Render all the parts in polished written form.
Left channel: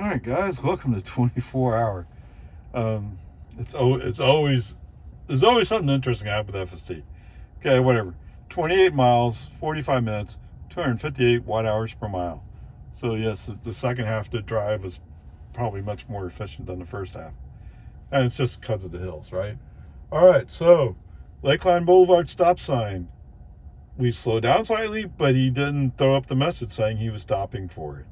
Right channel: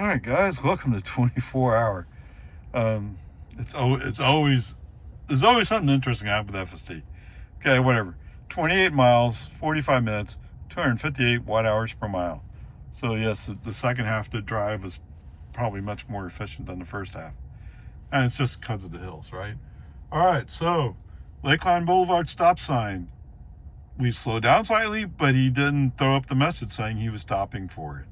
All right, guys, welcome to 24 Hour. It's always there's always something interesting happening with FSD. Okay, whatever. 28 miles, 45 minutes, 258 watt-hours per mile. So yes, the second half of the drive is probably much more efficient than the first half, and it's just because of the hills, right? All right, so Lakeline Boulevard stop sign. We slowed down slightly, but he didn't throw up the message saying he was stopping for it.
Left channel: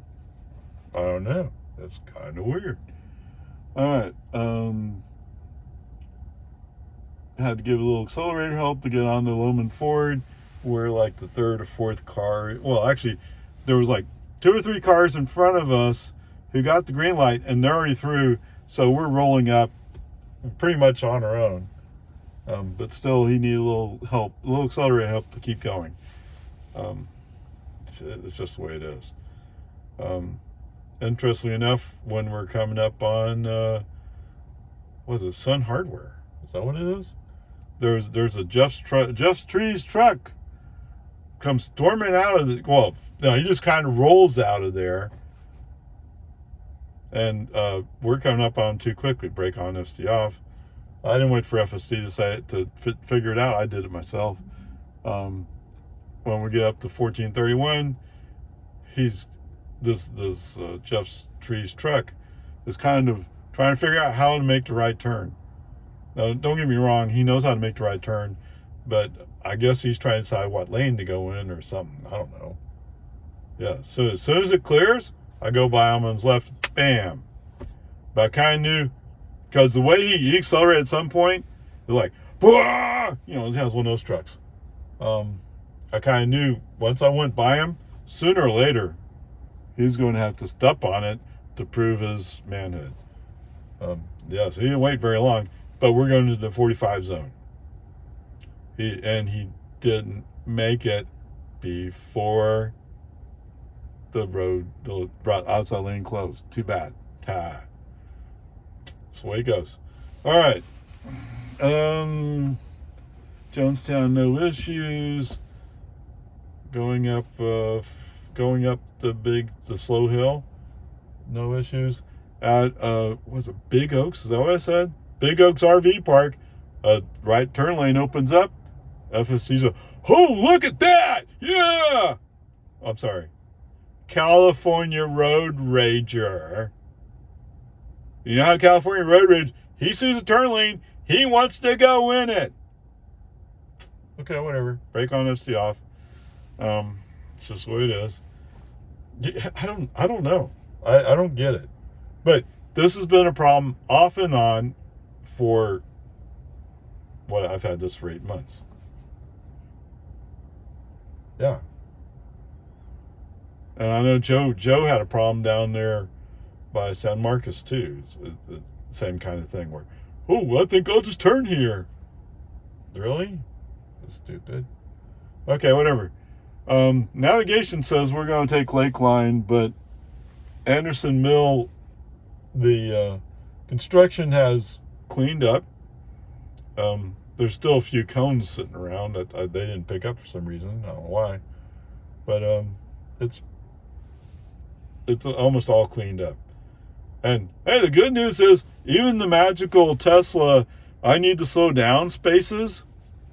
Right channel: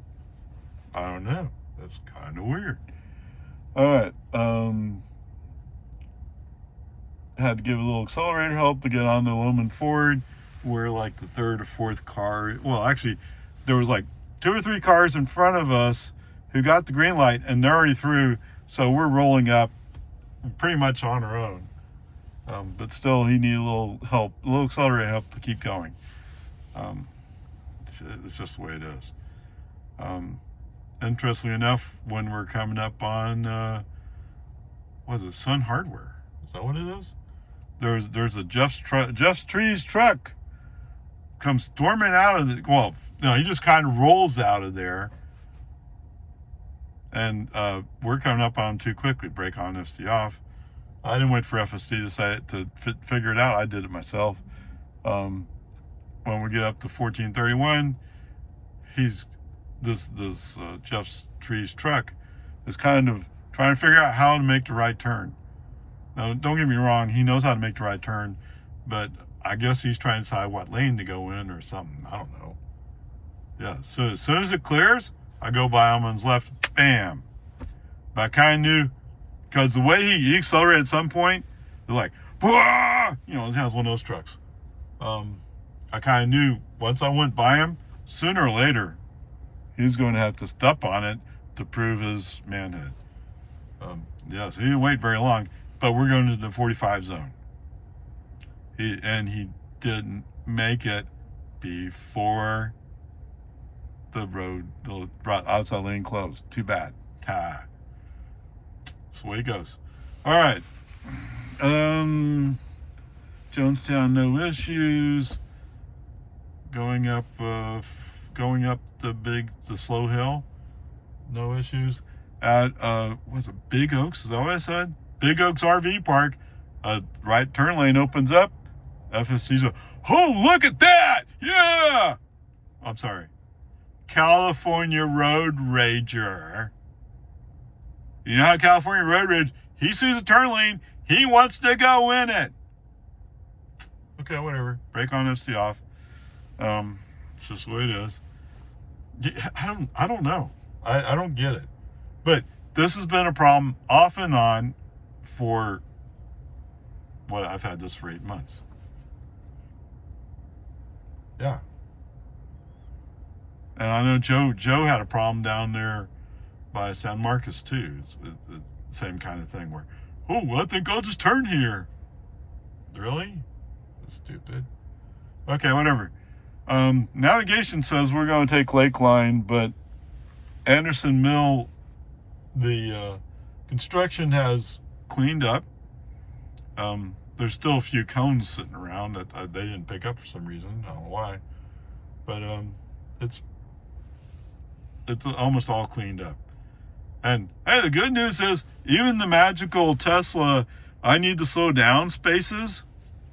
I don't know. That's kind of weird. All right. Had to give a little accelerator help to get on the Loman Ford. We're like the third or fourth car. Well, actually, there was like 2 or 3 cars in front of us who got the green light, and they're already through. So we're rolling up pretty much on our own. But still, he needed a little help, a little accelerator help to keep going. It's just the way it is. Interestingly enough, when we're coming up on, what is it, Sun Hardware? Is that what it is? There's a Jeff's Trees truck comes storming out of the, well, no, he just kind of rolls out of there. And we're coming up on too quickly. Brake on, FSD off. I didn't wait for FSD to say it, to figure it out. I did it myself. When we get up to 1431, this Jeff's Trees truck is kind of trying to figure out how to make the right turn. Now, don't get me wrong, he knows how to make the right turn, but I guess he's trying to decide what lane to go in or something. I don't know. Yeah, so as soon as it clears, I go by him on his left, bam. But I kind of knew, because the way he accelerated at some point, it was like, Wah! You know, it has one of those trucks. I kind of knew once I went by him, sooner or later, he's going to have to step on it to prove his manhood. Yeah, so he didn't wait very long, but we're going to the 45 zone. He didn't make it before the road, the outside lane closed. Too bad. That's the way it goes. All right. Jonestown, no issues. Going up the slow hill, no issues. At was it Big Oaks? Is that what I said? Big Oaks RV Park. Right turn lane opens up. FSD's oh, look at that! Yeah. I'm sorry. California Road Rager. You know how California Road Rage, he sees a turn lane, he wants to go in it. Okay, whatever. Brake on, FSD off. It's just the way it is. I don't know. I don't get it. But this has been a problem off and on for what, I've had this for 8 months. Yeah. And I know Joe had a problem down there by San Marcos too. It's the same kind of thing where, oh, I think I'll just turn here. Really? That's stupid. Okay, whatever. Navigation says we're going to take Lakeline, but Anderson Mill, the construction has cleaned up. There's still a few cones sitting around that they didn't pick up for some reason. I don't know why, but it's almost all cleaned up. And hey, the good news is even the magical Tesla I need to slow down spaces,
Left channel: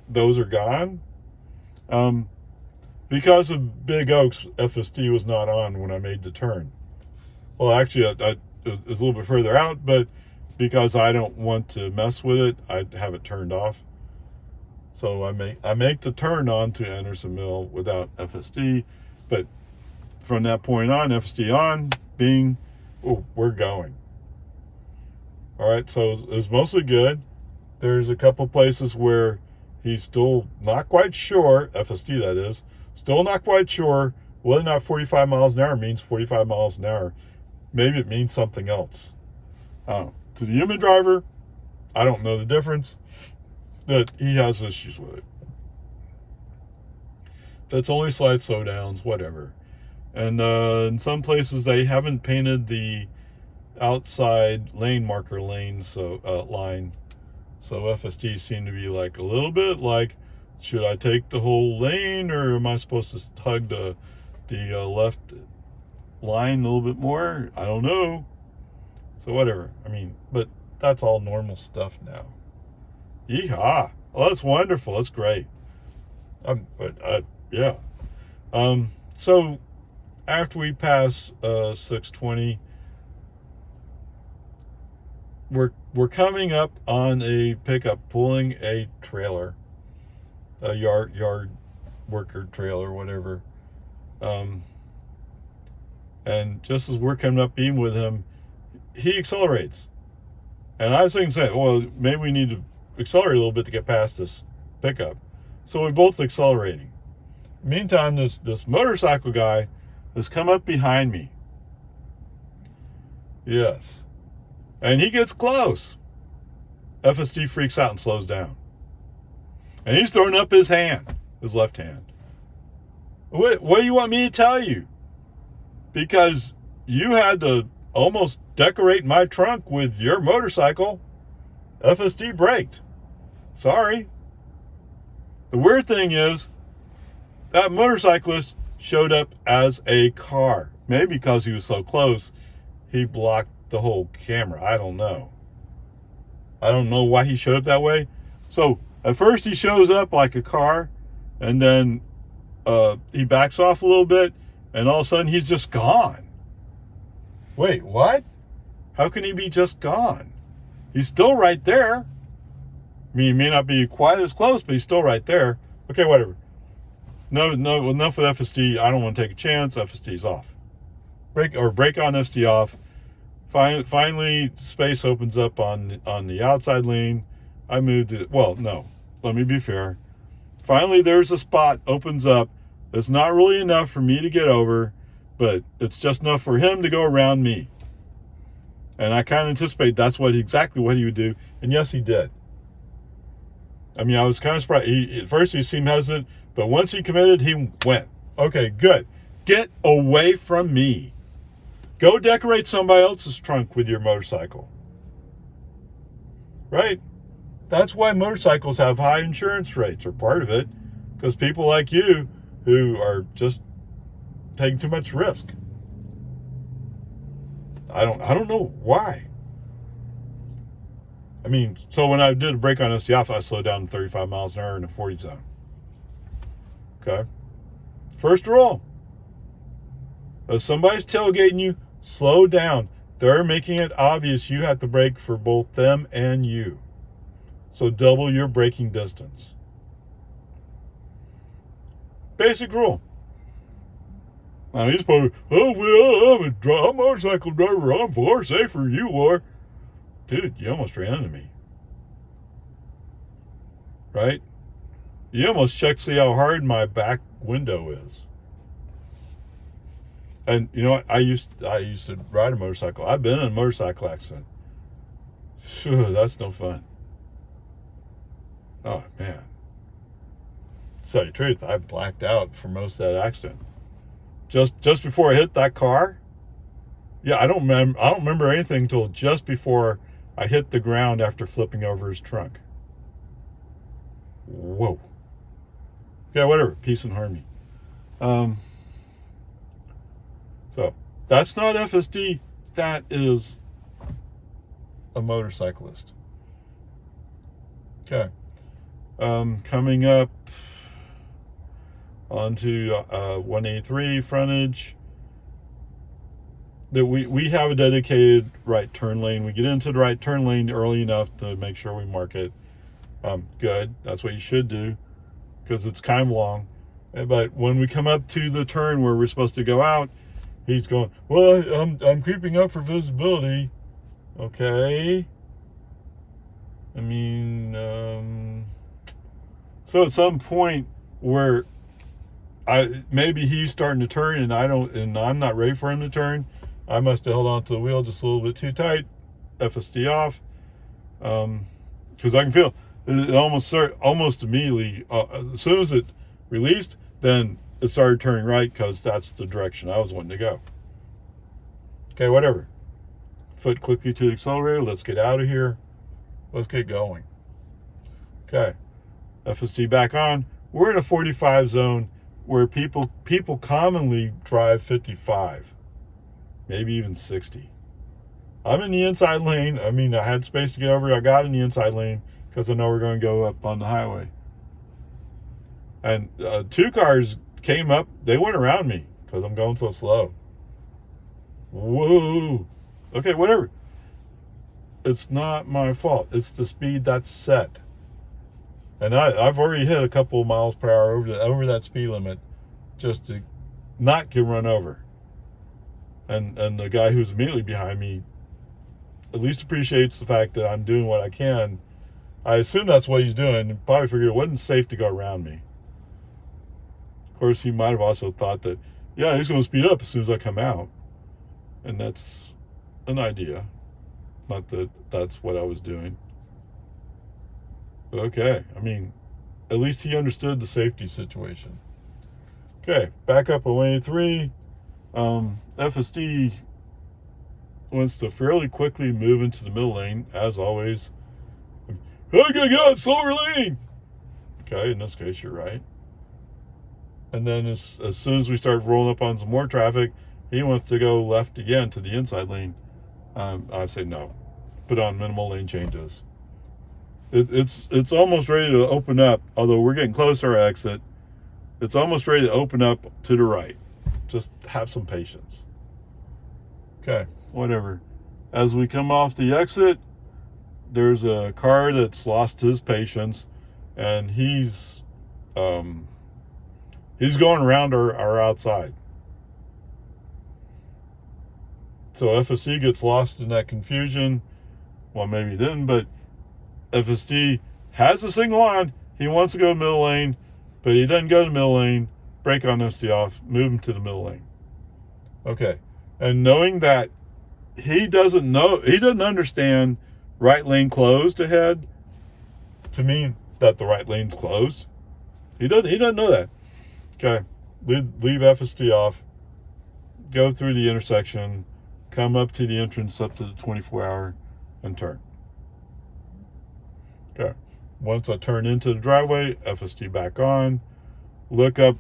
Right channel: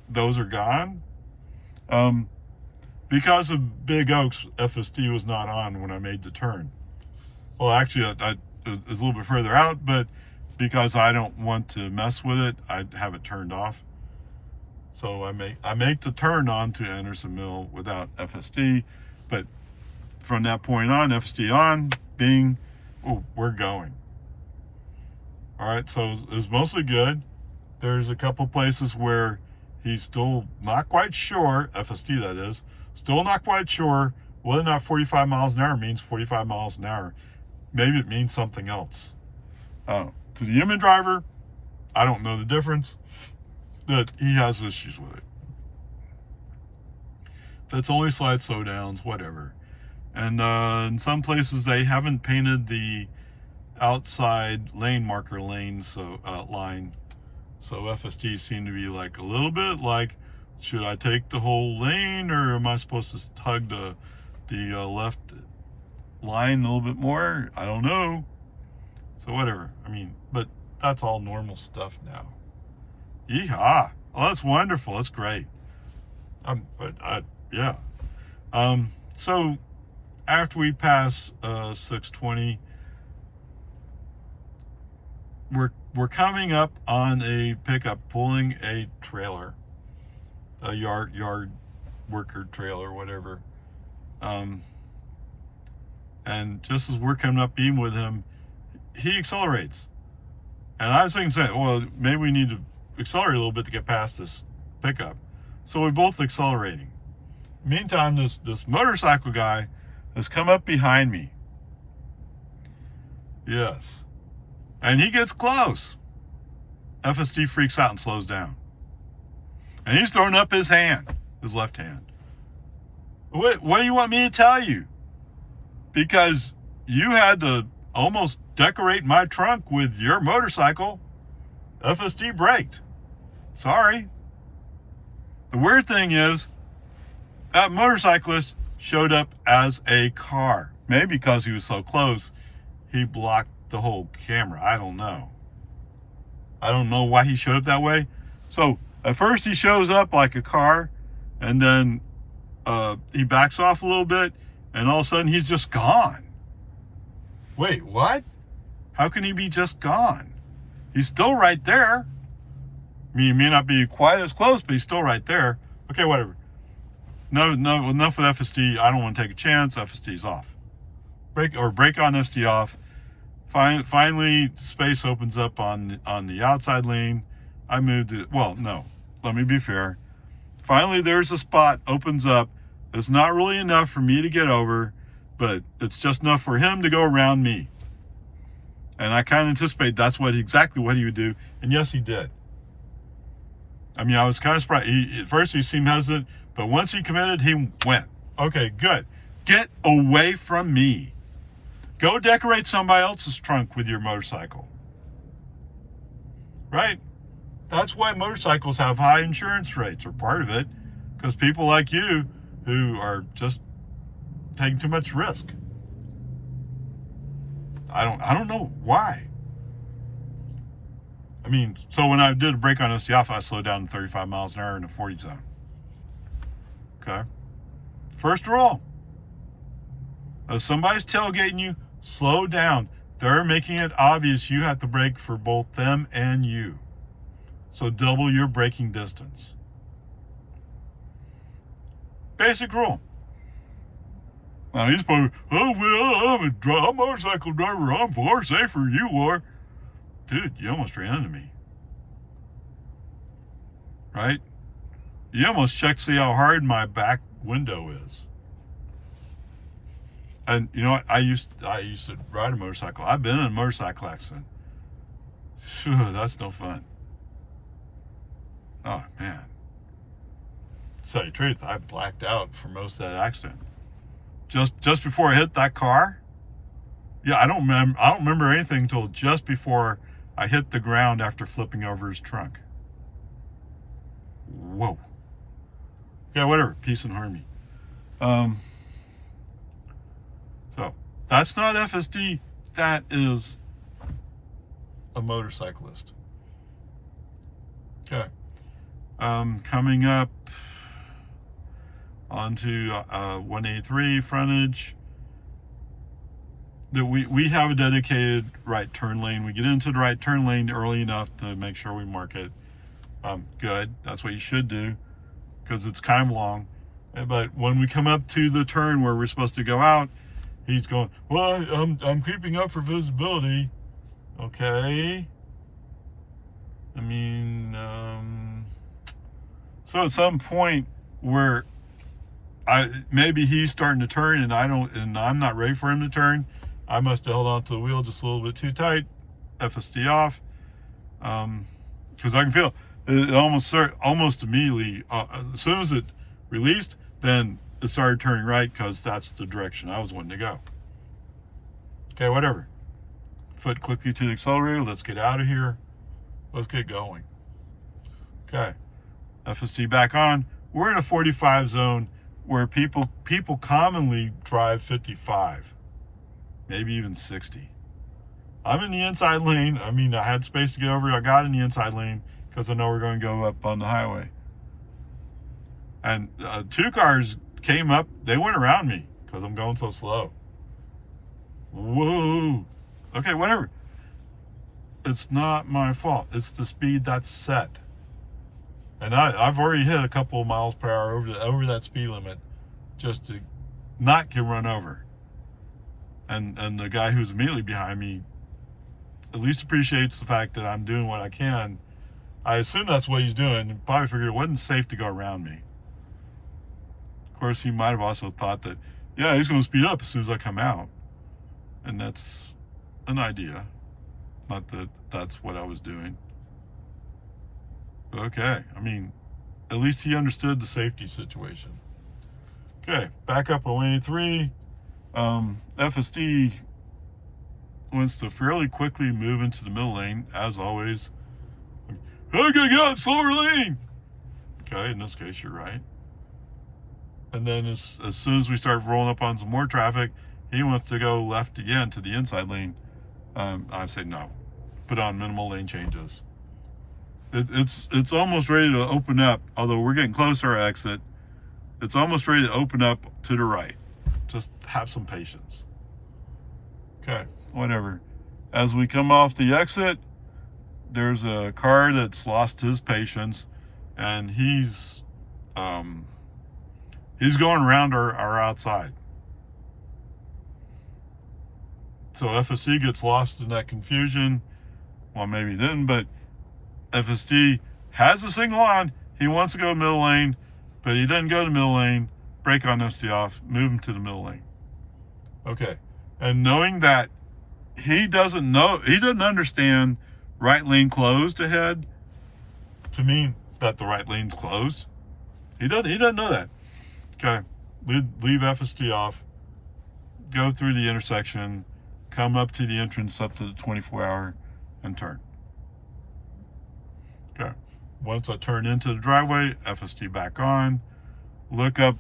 those are gone. Because of Big Oaks, FSD was not on when I made the turn. Well, actually, it was a little bit further out, but because I don't want to mess with it, I have it turned off. So I make the turn onto Anderson Mill without FSD, but from that point on, FSD on, bing, oh, we're going. All right, so it was mostly good. There's a couple places where he's still not quite sure, FSD that is, still not quite sure whether or not 45 miles an hour means 45 miles an hour. Maybe it means something else. To the human driver, I don't know the difference, but he has issues with it. That's only slight slowdowns, whatever. And in some places, they haven't painted the outside lane marker line, so FSD seemed to be like a little bit like, should I take the whole lane, or am I supposed to hug the left line a little bit more? I don't know. So whatever. I mean, but that's all normal stuff now. Yeehaw! Oh, that's wonderful. That's great. Yeah. So after we pass 620, we're coming up on a pickup pulling a trailer, a yard worker trailer, whatever. And just as we're coming up even with him, he accelerates. And I was thinking, well, maybe we need to accelerate a little bit to get past this pickup. So we're both accelerating. Meantime, this motorcycle guy has come up behind me. Yes. And he gets close. FSD freaks out and slows down. And he's throwing up his hand, his left hand. What do you want me to tell you? Because you had to almost decorate my trunk with your motorcycle. FSD braked. Sorry. The weird thing is, that motorcyclist showed up as a car. Maybe because he was so close, he blocked the whole camera. I don't know. I don't know why he showed up that way. So at first he shows up like a car, and then he backs off a little bit, and all of a sudden he's just gone. Wait, what? How can he be just gone? He's still right there. I mean, he may not be quite as close, but he's still right there. Okay, whatever. No, enough with FSD. I don't want to take a chance. FSD's off. Brake on FSD off. Finally, space opens up on the outside lane. I moved it. Well, no. Let me be fair. Finally, there's a spot opens up. It's not really enough for me to get over, but it's just enough for him to go around me. And I kind of anticipate that's exactly what he would do. And yes, he did. I mean, I was kind of surprised. At first, he seemed hesitant, but once he committed, he went. Okay, good. Get away from me. Go decorate somebody else's trunk with your motorcycle. Right? That's why motorcycles have high insurance rates, or part of it, because people like you who are just taking too much risk. I don't know why. I mean, so when I did a brake on FSD off, I slowed down to 35 miles an hour in the 40 zone. Okay? First rule. If somebody's tailgating you, slow down. They're making it obvious you have to brake for both them and you. So double your braking distance. Basic rule. Now he's probably, oh, well, I'm a motorcycle driver. I'm far safer than you are. Dude, you almost ran into me. Right? You almost checked to see how hard my back window is. And you know what? I used to ride a motorcycle. I've been in a motorcycle accident. Phew, that's no fun. Oh man. To tell you the truth, I blacked out for most of that accident. Just before I hit that car. Yeah, I don't remember anything until just before I hit the ground after flipping over his trunk. Whoa. Yeah, whatever. Peace and harmony. So that's not FSD. That is a motorcyclist. Okay. Coming up onto 183 frontage. That we have a dedicated right turn lane. We get into the right turn lane early enough to make sure we mark it. Good. That's what you should do, because it's kind of long. But when we come up to the turn where we're supposed to go out, he's going, well, I'm creeping up for visibility. Okay. I mean, so at some point where maybe he's starting to turn and I'm not ready for him to turn, I must have held onto the wheel just a little bit too tight. FSD off, because I can feel it almost immediately. As soon as it released, then it started turning right, because that's the direction I was wanting to go. Okay, whatever. Foot quickly to the accelerator. Let's get out of here. Let's get going. Okay, FSD back on. We're in a 45 zone where people commonly drive 55, maybe even 60. I'm in the inside lane. I mean, I had space to get over. I got in the inside lane because I know we're going to go up on the highway. And 2 cars came up. They went around me because I'm going so slow. Whoa. Okay, whatever. It's not my fault. It's the speed that's set. And I've already hit a couple of miles per hour over that speed limit just to not get run over. And the guy who's immediately behind me at least appreciates the fact that I'm doing what I can. I assume that's what he's doing. He probably figured it wasn't safe to go around me. Of course, he might have also thought that, yeah, he's going to speed up as soon as I come out. And that's an idea. Not that that's what I was doing. But okay, I mean, at least he understood the safety situation. Okay, back up on 183. FSD wants to fairly quickly move into the middle lane, as always. I gotta get out slower lane. Okay, in this case, you're right. And then as soon as we start rolling up on some more traffic, he wants to go left again to the inside lane. I say no. Put on minimal lane changes. It's almost ready to open up, although we're getting close to our exit. It's almost ready to open up to the right. Just have some patience. Okay, whatever. As we come off the exit, there's a car that's lost his patience, and he's going around our outside. So FSD gets lost in that confusion. Well, maybe he didn't, but FSD has the signal on. He wants to go to middle lane, but he doesn't go to middle lane. Brake on FSD off, move him to the middle lane. Okay, and knowing that he doesn't understand right lane closed ahead to mean that the right lane's closed. He doesn't know that. Okay, leave FSD off, go through the intersection, come up to the entrance up to the 24-hour, and turn. Okay, once I turn into the driveway, FSD back on. Look up.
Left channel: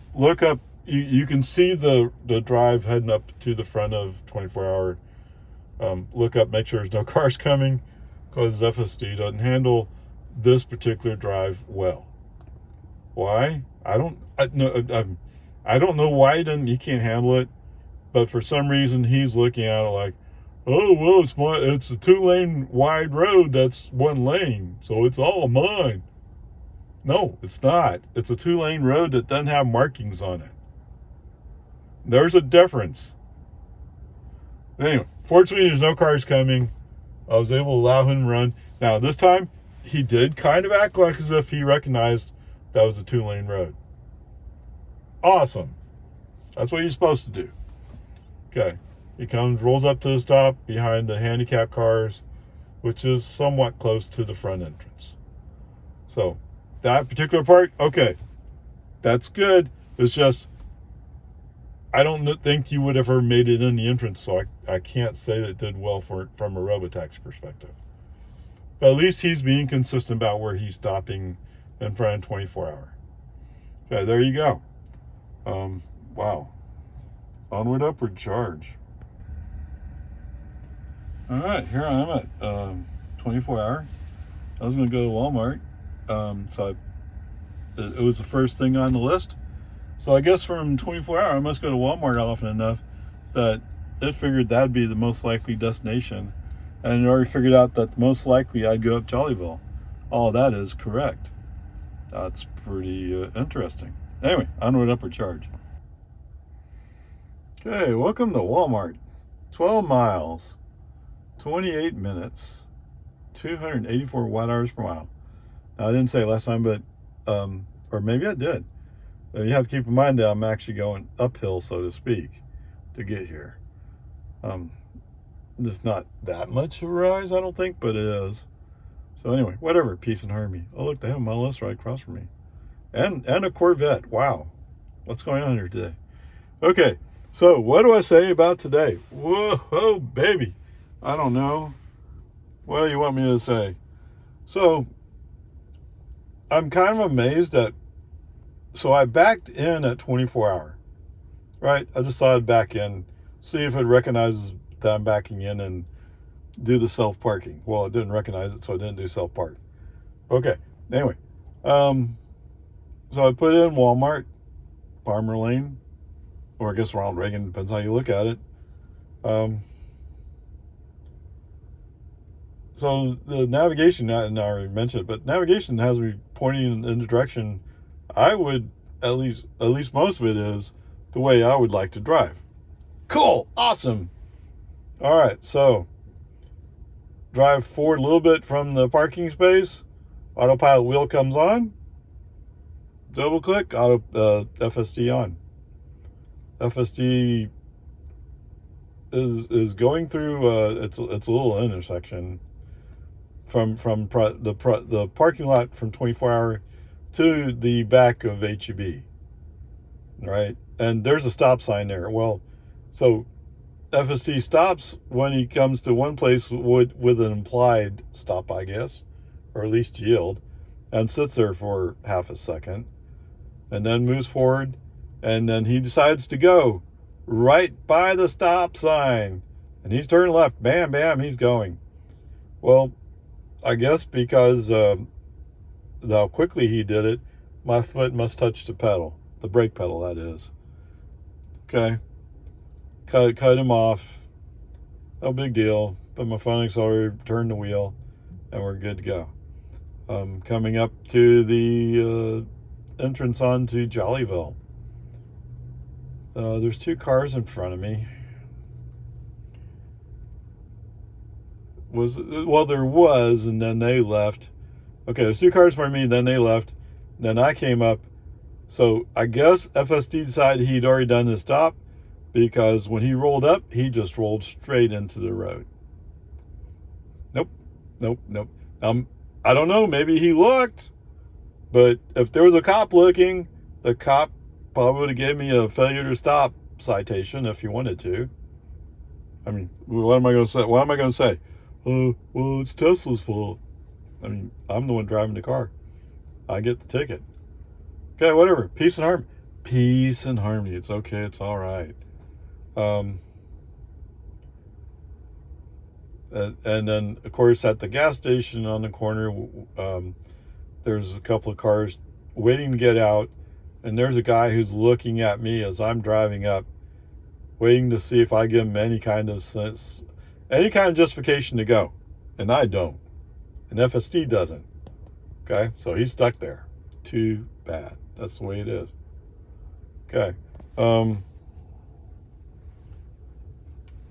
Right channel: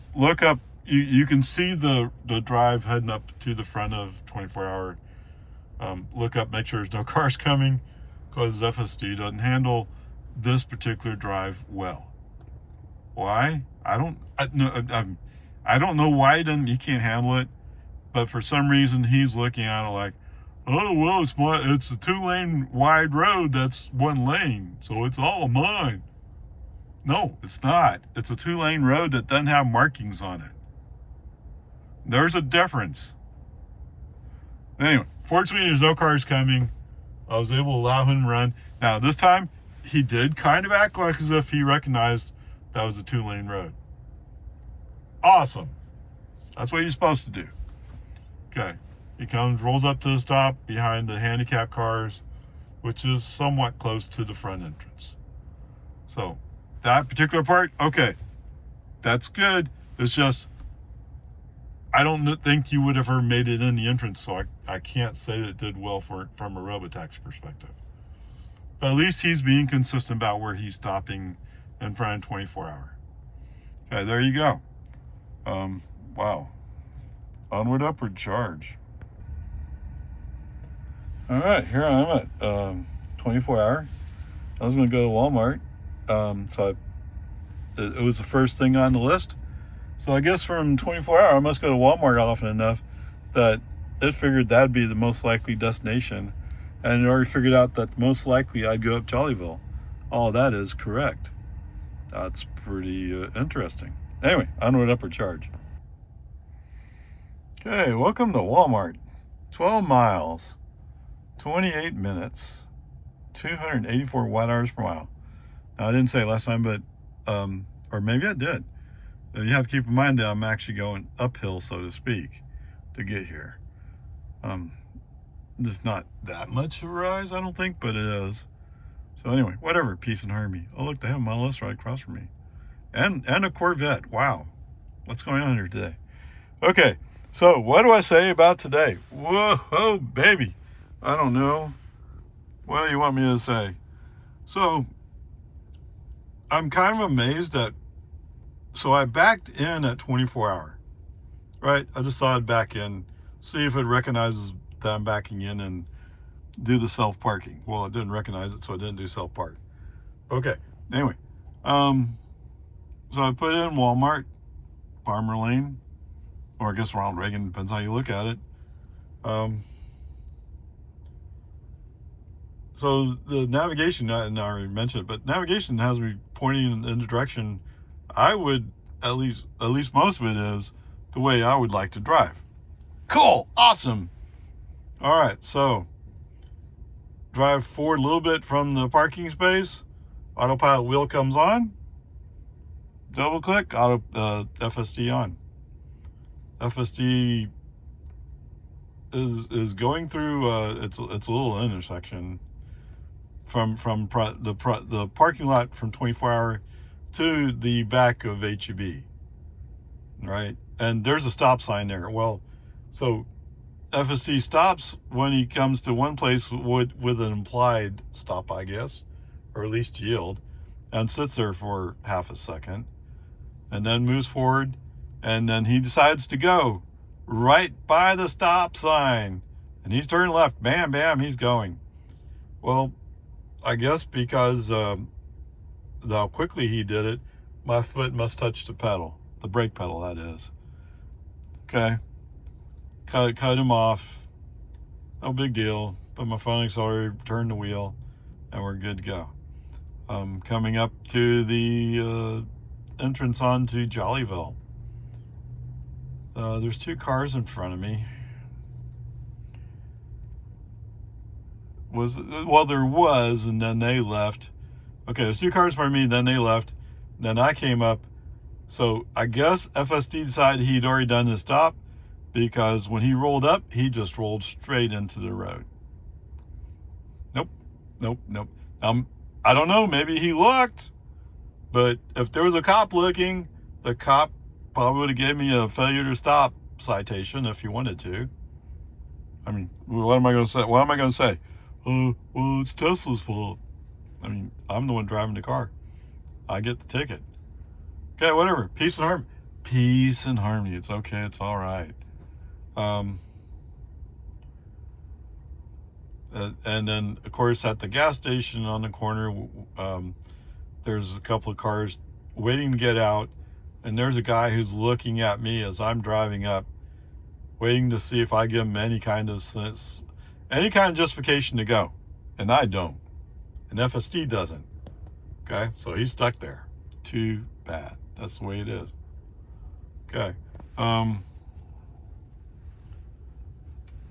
You can see the drive heading up to the front of 24-hour. Look up, make sure there's no cars coming, because FSD doesn't handle this particular drive well. Why? I don't know why he can't handle it, but for some reason he's looking at it like, oh well, it's a 2-lane wide road that's 1 lane, so it's all mine. No, it's not. It's a 2-lane road that doesn't have markings on it. There's a difference. Anyway, fortunately there's no cars coming. I was able to allow him to run. Now this time he did kind of act like as if he recognized that was a 2-lane road. Awesome. That's what you're supposed to do. Okay. He rolls up to the stop behind the handicapped cars, which is somewhat close to the front entrance. So that particular part, okay, that's good. It's just, I don't think you would have ever made it in the entrance, so I can't say that it did well from a robotaxi perspective. But at least he's being consistent about where he's stopping in front of 24-hour. Okay, there you go. Wow. Onward, upward charge. All right, here I am at 24-hour. I was going to go to Walmart, so it was the first thing on the list. So I guess from 24-hour, I must go to Walmart often enough that it figured that'd be the most likely destination, and it already figured out that most likely I'd go up Jollyville. All that is correct. That's pretty interesting. Anyway, onward, upward charge. Okay, welcome to Walmart. 12 miles. 28 minutes, 284 watt hours per mile. Now, I didn't say last time, but, or maybe I did. You have to keep in mind that I'm actually going uphill, so to speak, to get here. It's not that much of a rise, I don't think, but it is. So anyway, whatever, peace and harmony. Oh, look, they have a Model S right across from me. And a Corvette, wow. What's going on here today? Okay, so what do I say about today? Whoa, baby. I don't know. What do you want me to say? So, I'm kind of amazed so I backed in at 24-hour, right? I just thought I'd back in, see if it recognizes that I'm backing in, and do the self-parking. Well, it didn't recognize it, so it didn't do self-park. Okay, anyway. So I put in Walmart, Farmer Lane, or I guess Ronald Reagan, depends how you look at it. So the navigation, and I already mentioned it, but navigation has me pointing in the direction I would, at least most of it is the way I would like to drive. Cool, awesome. All right, so drive forward a little bit from the parking space. Autopilot wheel comes on. Double click, FSD on. FSD is going through. It's a little intersection from the parking lot from 24 Hour to the back of HEB, right? And there's a stop sign there. Well, so FSD stops when he comes to one place with an implied stop, I guess, or at least yield, and sits there for half a second, and then moves forward, and then he decides to go right by the stop sign, and he's turning left. Bam, bam, he's going. Well, I guess because how quickly he did it, my foot must touch the pedal, the brake pedal, that is. Okay. Cut him off. No big deal. Put my phone accelerator, turn the wheel, and we're good to go. Coming up to the entrance onto Jollyville. There's two cars in front of me. There was, and then they left. Okay, there's two cars in front of me, then they left. Then I came up. So I guess FSD decided he'd already done his stop, because when he rolled up, he just rolled straight into the road. Nope. I don't know, maybe he looked, but if there was a cop looking, the cop probably would have gave me a failure to stop citation if he wanted to. I mean, what am I going to say? Oh, well, it's Tesla's fault. I mean, I'm the one driving the car. I get the ticket. Okay, whatever. Peace and harmony. Peace and harmony. It's okay. It's all right. And then, of course, at the gas station on the corner, there's a couple of cars waiting to get out, and there's a guy who's looking at me as I'm driving up, waiting to see if I give him any kind of justification to go, and I don't, and FSD doesn't. Okay, so he's stuck there. Too bad. That's the way it is. Okay.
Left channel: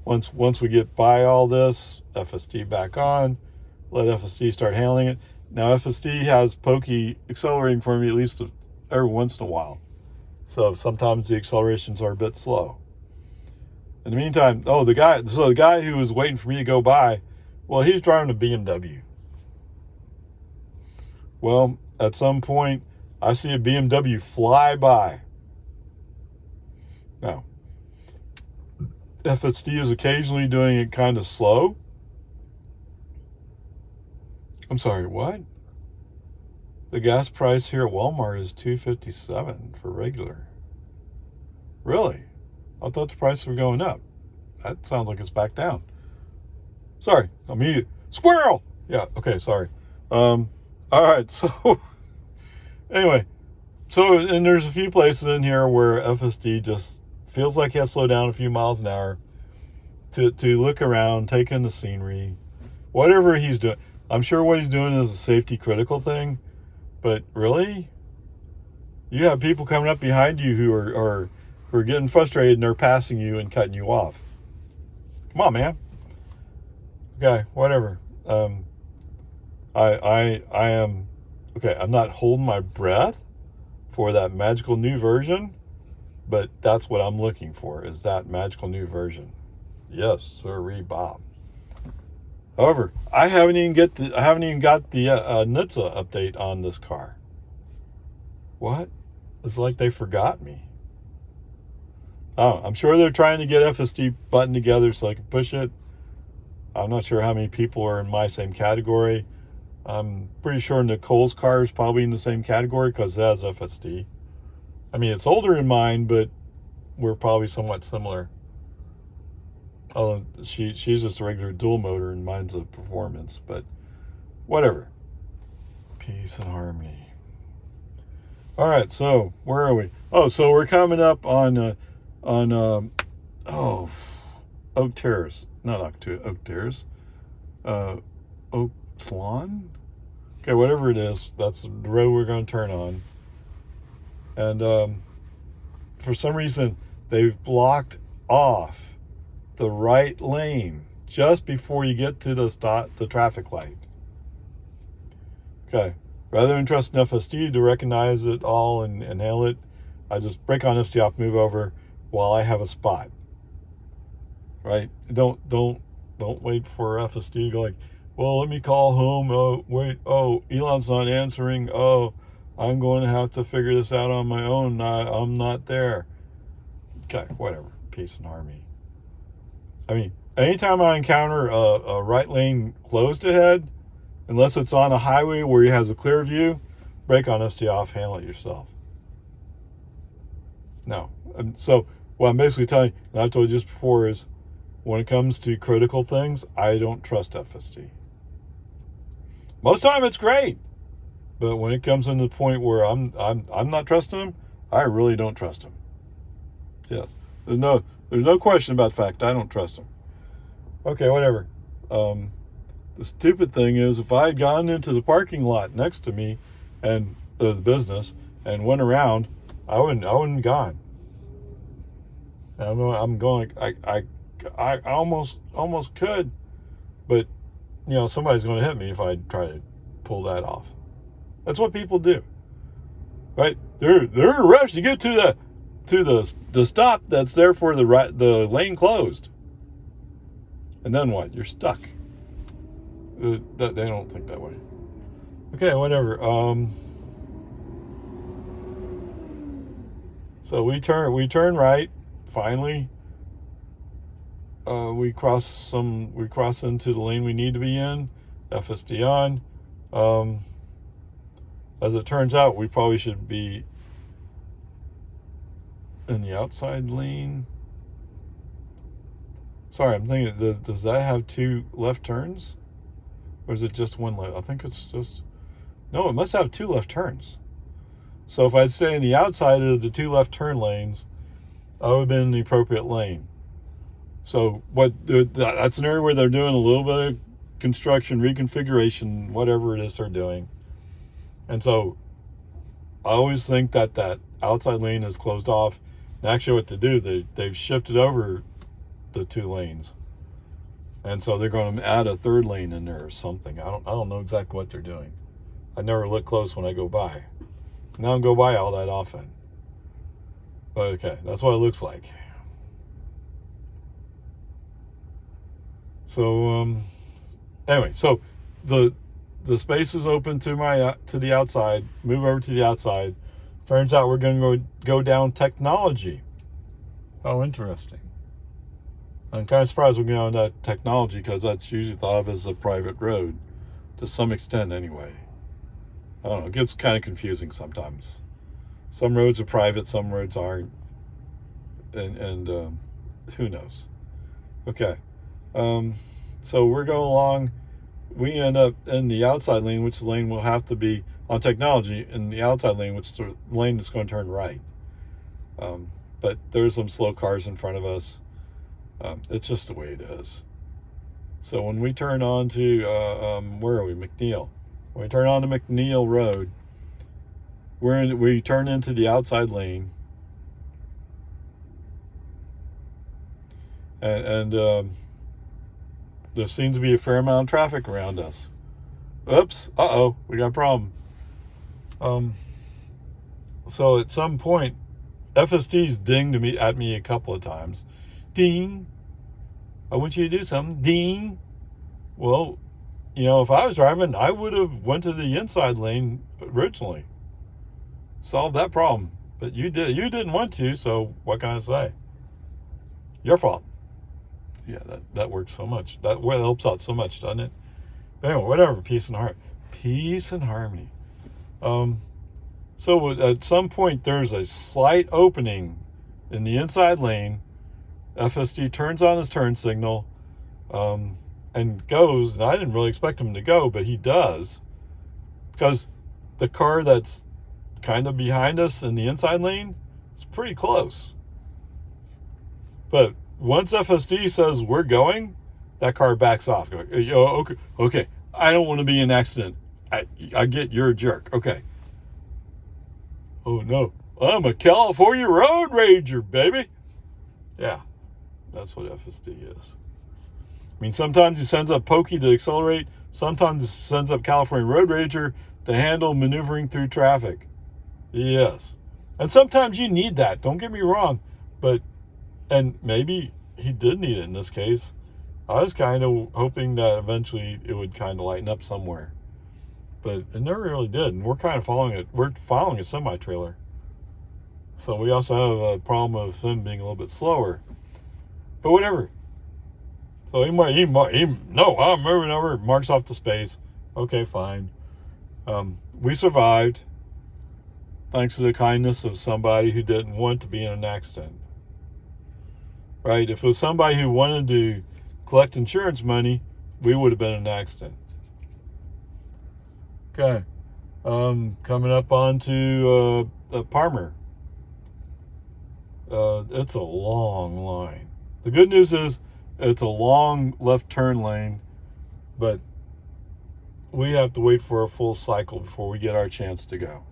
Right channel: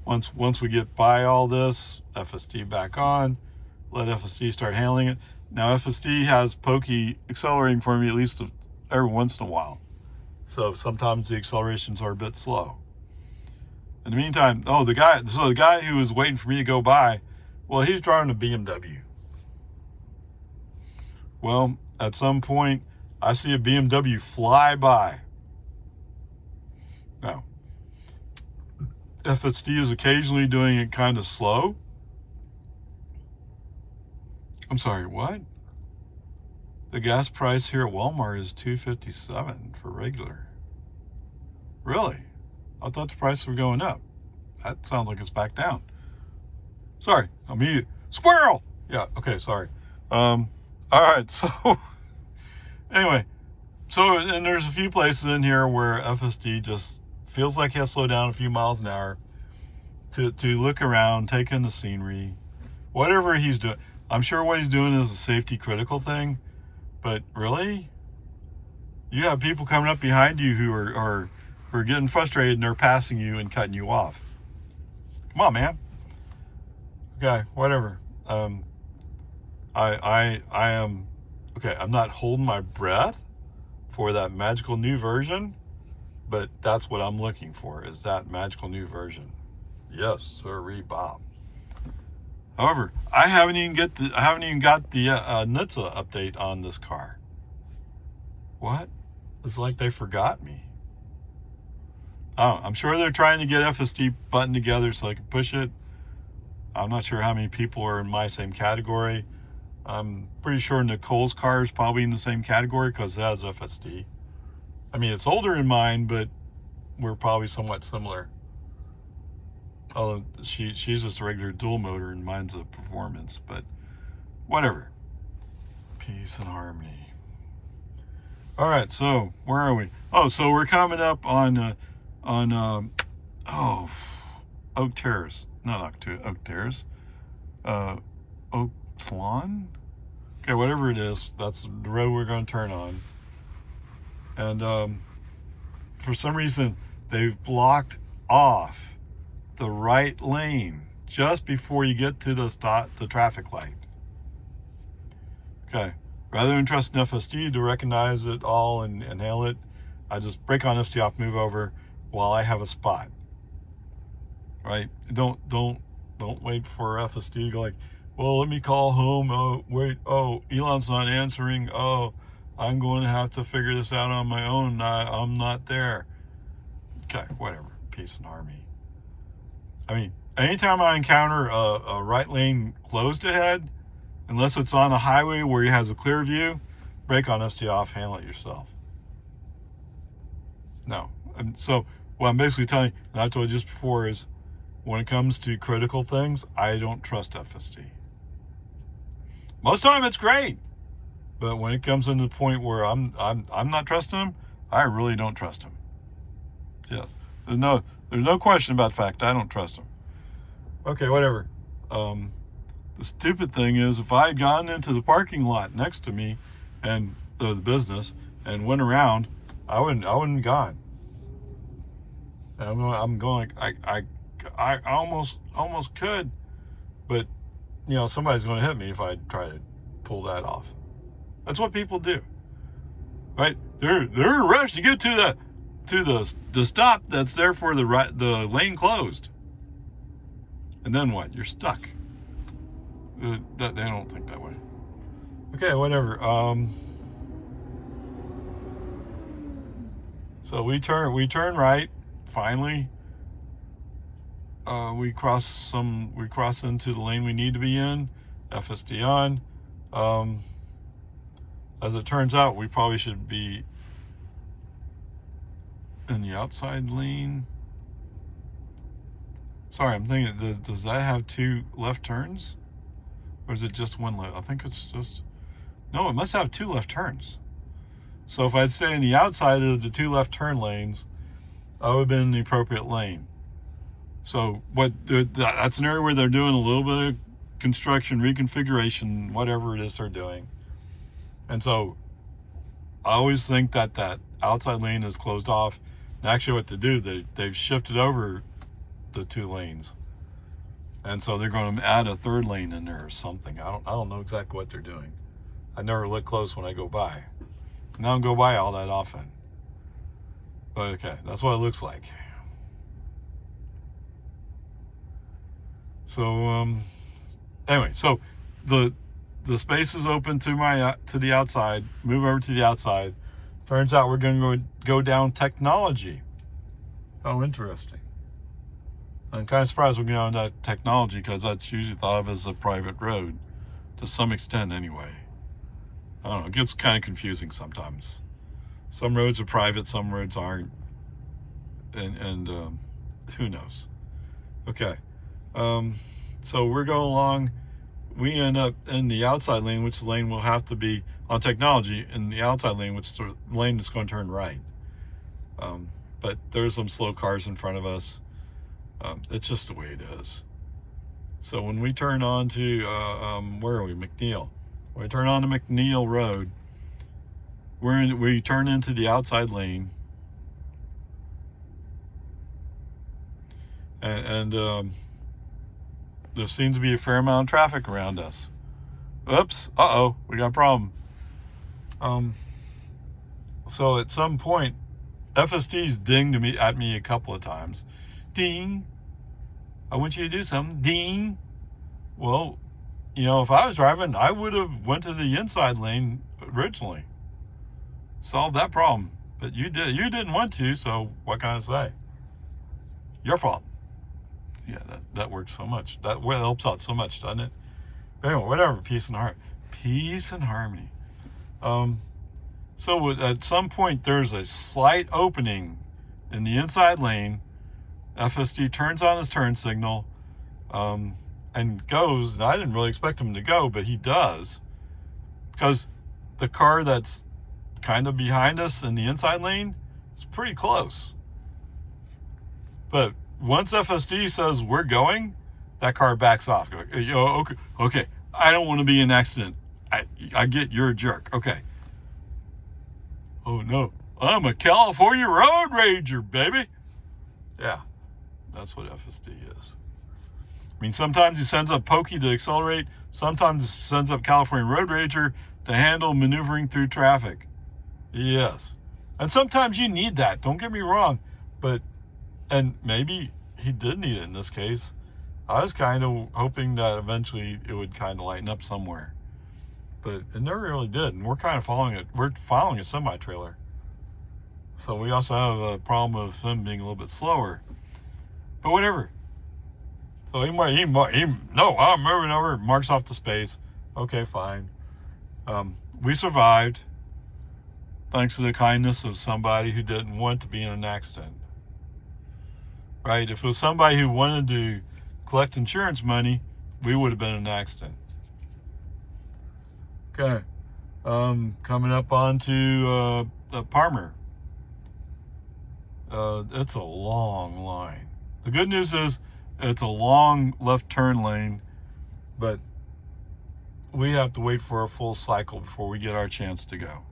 Once we get by all this, FSD back on, let FSD start handling it. Now FSD has pokey accelerating for me at least every once in a while. So sometimes the accelerations are a bit slow. In the meantime, the guy who was waiting for me to go by, well, he's driving a BMW. Well, at some point, I see a BMW fly by. Now, FSD is occasionally doing it kind of slow. I'm sorry, what? The gas price here at Walmart is $2.57 for regular. Really? I thought the prices were going up. That sounds like it's back down. Sorry, squirrel! Yeah, okay, sorry. All right, so anyway, and there's a few places in here where FSD just feels like he has to slow down a few miles an hour to look around, take in the scenery, whatever he's doing. I'm sure what he's doing is a safety critical thing, but really, you have people coming up behind you who are getting frustrated and they're passing you and cutting you off. Come on, man. Okay, whatever. I am okay. I'm not holding my breath for that magical new version, but that's what I'm looking for, is that magical new version. Yes, sirree, Bob. However, I haven't even got the NHTSA update on this car. What? It's like they forgot me. Oh, I'm sure they're trying to get FSD buttoned together so I can push it. I'm not sure how many people are in my same category. I'm pretty sure Nicole's car is probably in the same category because it has FSD. I mean, it's older than mine, but we're probably somewhat similar. She's just a regular dual motor and mine's a performance, but whatever. Peace and harmony. All right, so where are we? Oh, so we're coming up on Oak Terrace, not Oak Terrace, Oak Lawn. Okay, whatever it is, that's the road we're going to turn on. And for some reason, they've blocked off the right lane just before you get to the traffic light. Okay, rather than trusting FSD to recognize it all and handle it, I just brake on FSD off, move over while I have a spot. Right? Don't wait for FSD to go like, well, let me call home. Oh, wait. Oh, Elon's not answering. Oh, I'm going to have to figure this out on my own. I'm not there. Okay, whatever. Peace and harmony. I mean, anytime I encounter a right lane closed ahead, unless it's on a highway where you have a clear view, brake on FSD off, handle it yourself. No. And so what I'm basically telling you, and I told you just before, is when it comes to critical things, I don't trust FSD. Most of the time it's great, but when it comes into the point where I'm not trusting him, I really don't trust him. Yeah, there's no question about the fact I don't trust him. Okay, whatever. The stupid thing is, if I had gone into the parking lot next to me and the business and went around, I wouldn't have gone. I'm going. I almost could, but somebody's going to hit me if I try to pull that off. That's what people do, right? They're in a rush to get to the stop that's there for the lane closed, and then what? You're stuck. They don't think that way. Okay, whatever. So we turn right. Finally, we cross into the lane we need to be in. FSD on. As it turns out, we probably should be in the outside lane. Sorry, I'm thinking, does that have 2 left turns? Or is it just 1 left? I think it's just... No, it must have 2 left turns. So if I'd stay in the outside of the 2 left turn lanes, I would have been in the appropriate lane. So that's an area where they're doing a little bit of construction, reconfiguration, whatever it is they're doing. And so I always think that outside lane is closed off. And actually what to do, they've shifted over the 2 lanes. And so they're going to add a 3rd lane in there or something. I don't know exactly what they're doing. I never look close when I go by. And I don't go by all that often. But okay, that's what it looks like. So anyway, so the space is open to the outside. Move over to the outside. Turns out we're going to go down technology. Oh, interesting. I'm kind of surprised we're going down that technology, because that's usually thought of as a private road to some extent anyway. I don't know, it gets kind of confusing sometimes. Some roads are private, some roads aren't, and who knows. Okay, so we're going along. We end up in the outside lane, which lane will have to be on technology, in the outside lane, which is the lane that's going to turn right. But there's some slow cars in front of us. It's just the way it is. So when we turn on to, where are we? McNeil. When we turn on to McNeil Road, we turn into the outside lane. And there seems to be a fair amount of traffic around us. Oops, we got a problem. So at some point, FSD's dinged at me a couple of times. Ding. I want you to do something. Ding. Well, if I was driving, I would have went to the inside lane originally. Solved that problem. But you didn't want to, so what can I say? Your fault. Yeah, that works so much. That helps out so much, doesn't it? But anyway, whatever. Peace and heart. Peace and harmony. So at some point, there's a slight opening in the inside lane FSD turns on his turn signal, and goes, and I didn't really expect him to go, but he does, because the car that's kind of behind us in the inside lane is pretty close. But once FSD says we're going, that car backs off. Okay, I don't want to be in an accident. I get you're a jerk. Okay. Oh no, I'm a California road rager, baby. Yeah, that's what FSD is. I mean, sometimes he sends up Pokey to accelerate. Sometimes he sends up California road rager to handle maneuvering through traffic. Yes. And sometimes you need that. Don't get me wrong. And maybe he did need it in this case. I was kind of hoping that eventually it would kind of lighten up somewhere. But it never really did. And we're kind of following it. We're following a semi-trailer. So we also have a problem of him being a little bit slower. But whatever. So no, I'm moving over. Marks off the space. Okay, fine. We survived thanks to the kindness of somebody who didn't want to be in an accident. Right? If it was somebody who wanted to collect insurance money, we would have been in an accident. Okay. Coming up onto Palmer. It's a long line. The good news is it's a long left turn lane, but we have to wait for a full cycle before we get our chance to go.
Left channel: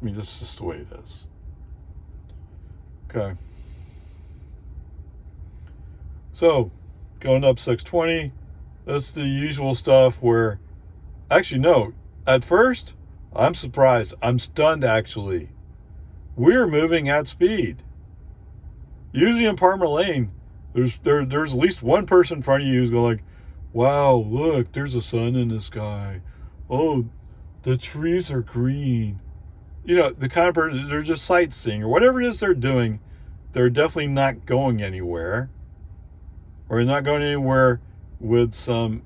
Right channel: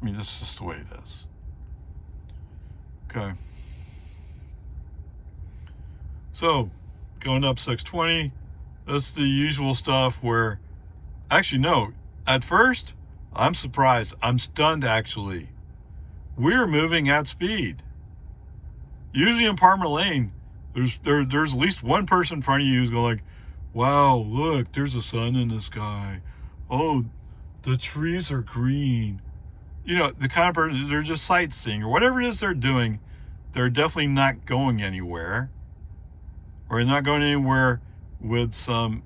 I mean, this is just the way it is. Okay. So, going up 620, that's the usual stuff where, actually, no, at first, I'm surprised. I'm stunned, actually. We're moving at speed. Usually in Palmer Lane, there's at least one person in front of you who's going like, wow, look, there's a sun in the sky. Oh, the trees are green. You know, the kind of person, they're just sightseeing or whatever it is they're doing. They're definitely not going anywhere. Or not going anywhere with some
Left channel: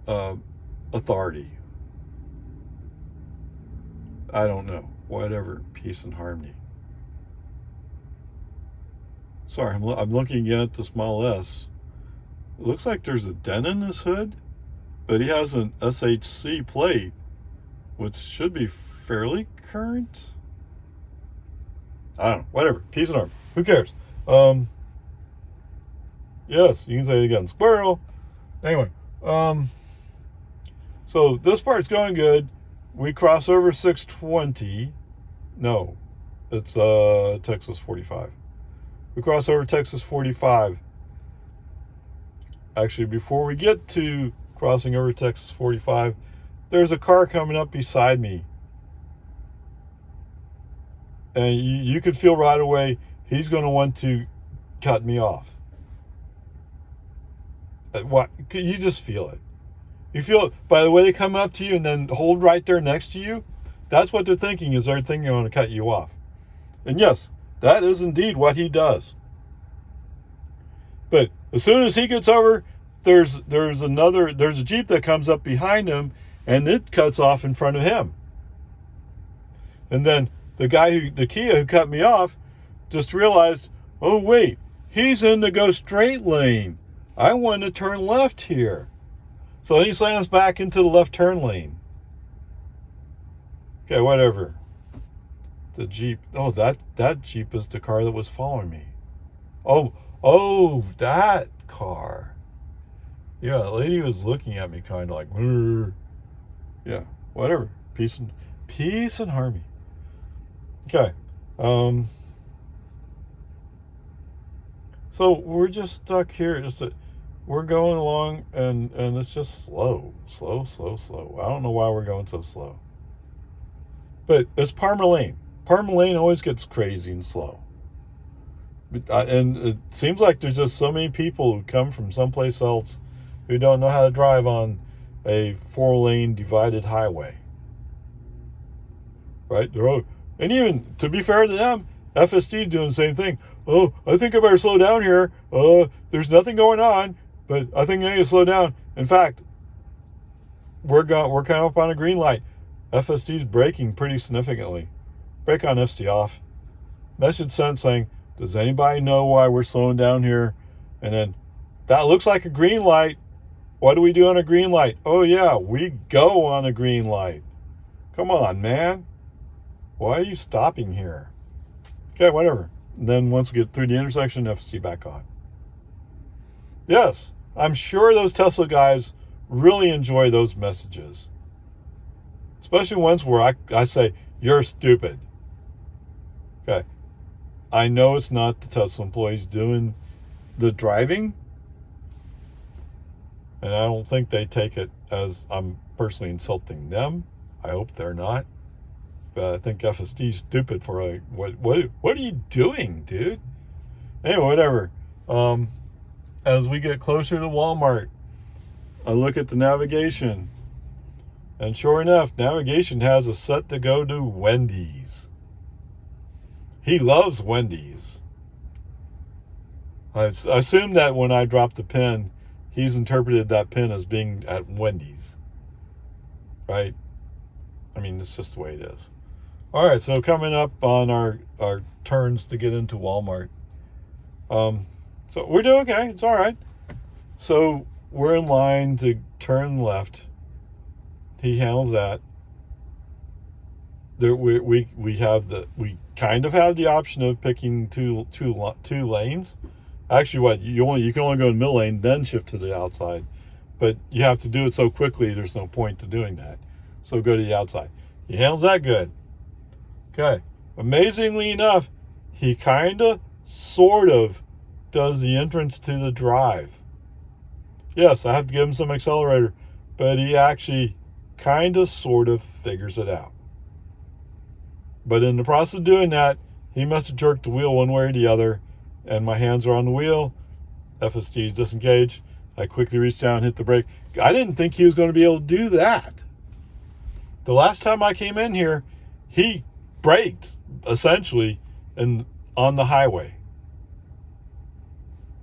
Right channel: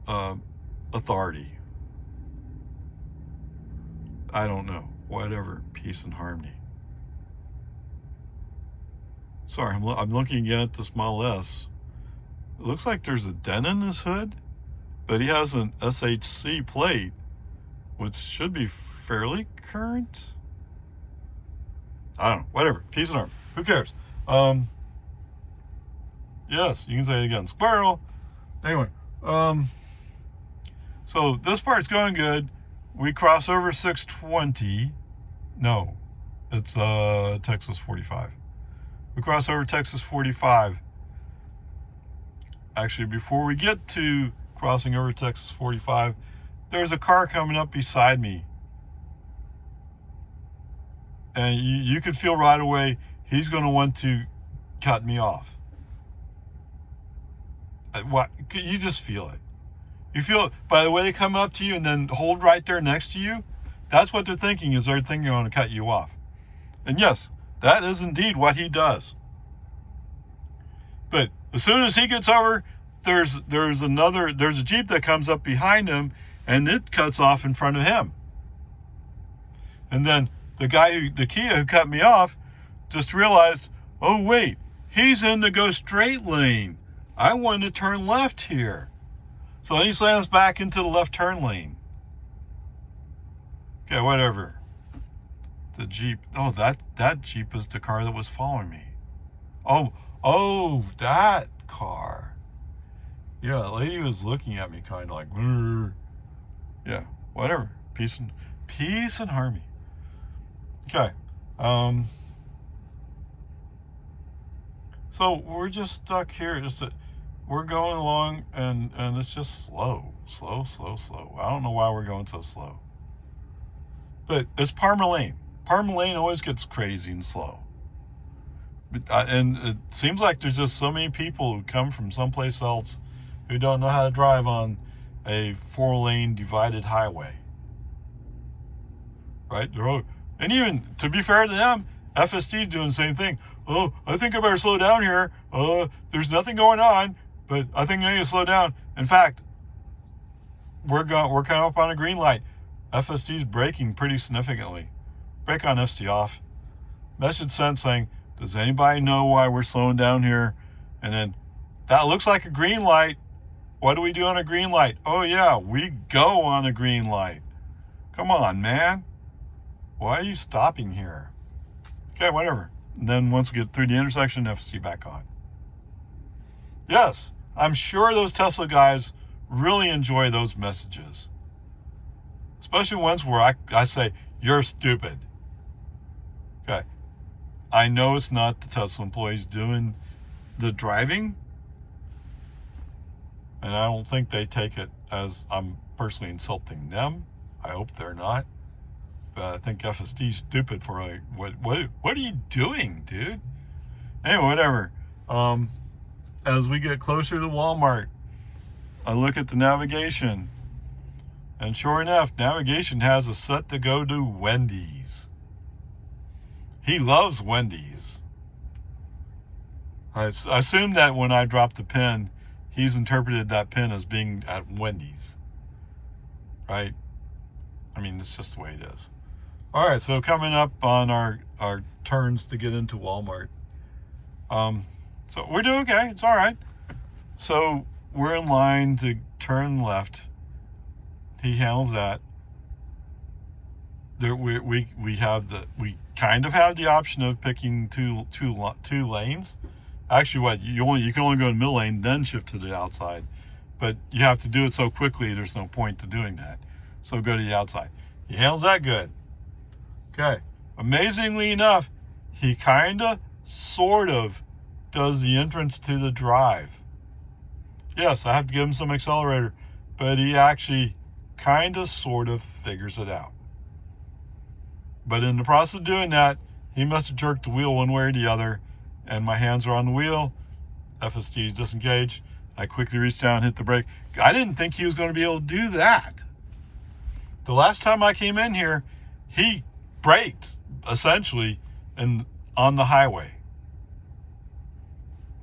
authority. I don't know. Whatever. Peace and harmony. Sorry, I'm looking again at this Model S. It looks like there's a dent in his hood, but he has an SHC plate, which should be fairly current. I don't know. Whatever. Peace and harmony. Who cares? Yes, you can say it again. Squirrel. Anyway, so this part's going good. We cross over 620. No, it's Texas 45. We cross over Texas 45. Actually, before we get to crossing over Texas 45, there's a car coming up beside me. And you could feel right away he's going to want to cut me off. What? You just feel it. You feel it by the way they come up to you and then hold right there next to you. That's what they're thinking, is they're thinking they're going to cut you off. And yes, that is indeed what he does. But as soon as he gets over, there's a Jeep that comes up behind him and it cuts off in front of him. And then the Kia who cut me off just realized, oh wait, he's in the go straight lane. I want to turn left here. So he slams back into the left turn lane. Okay, whatever. The Jeep. Oh, that Jeep is the car that was following me. Oh, that car. Yeah, the lady was looking at me kind of like, Rrr. Yeah, whatever. Peace and harmony. Okay. So we're just stuck here. We're going along and it's just slow. I don't know why we're going so slow. But it's Palmer Lane. Palmer Lane always gets crazy and slow. And it seems like there's just so many people who come from someplace else who don't know how to drive on a 4-lane divided highway. Right? And even, to be fair to them, FSD is doing the same thing. Oh, I think I better slow down here. There's nothing going on, but I think I need to slow down. In fact, we're coming up on a green light. FSD is braking pretty significantly. Brake on FC off. Message sent saying, does anybody know why we're slowing down here? And then, that looks like a green light. What do we do on a green light? Oh yeah, we go on a green light. Come on, man. Why are you stopping here? Okay, whatever. And then once we get through the intersection, FSD back on. Yes, I'm sure those Tesla guys really enjoy those messages. Especially ones where I say, you're stupid. Okay. I know it's not the Tesla employees doing the driving, and I don't think they take it as I'm personally insulting them. I hope they're not. But I think FSD's stupid for like, what are you doing, dude? Anyway, whatever. As we get closer to Walmart, I look at the navigation, and sure enough, navigation has us set to go to Wendy's. He loves Wendy's. I assume that when I dropped the pin, he's interpreted that pin as being at Wendy's. Right? I mean, it's just the way it is. All right, so coming up on our turns to get into Walmart. So we're doing okay. It's all right. So we're in line to turn left. He handles that. There, we kind of have the option of picking two lanes. Actually, you can only go in the middle lane, then shift to the outside. But you have to do it so quickly, there's no point to doing that. So go to the outside. He handles that good. Okay. Amazingly enough, he kind of, sort of, does the entrance to the drive. Yes, I have to give him some accelerator, but he actually kind of, sort of figures it out. But in the process of doing that, he must have jerked the wheel one way or the other, and my hands are on the wheel. FSD is disengaged. I quickly reached down and hit the brake. I didn't think he was going to be able to do that. The last time I came in here, he braked, essentially, on the highway.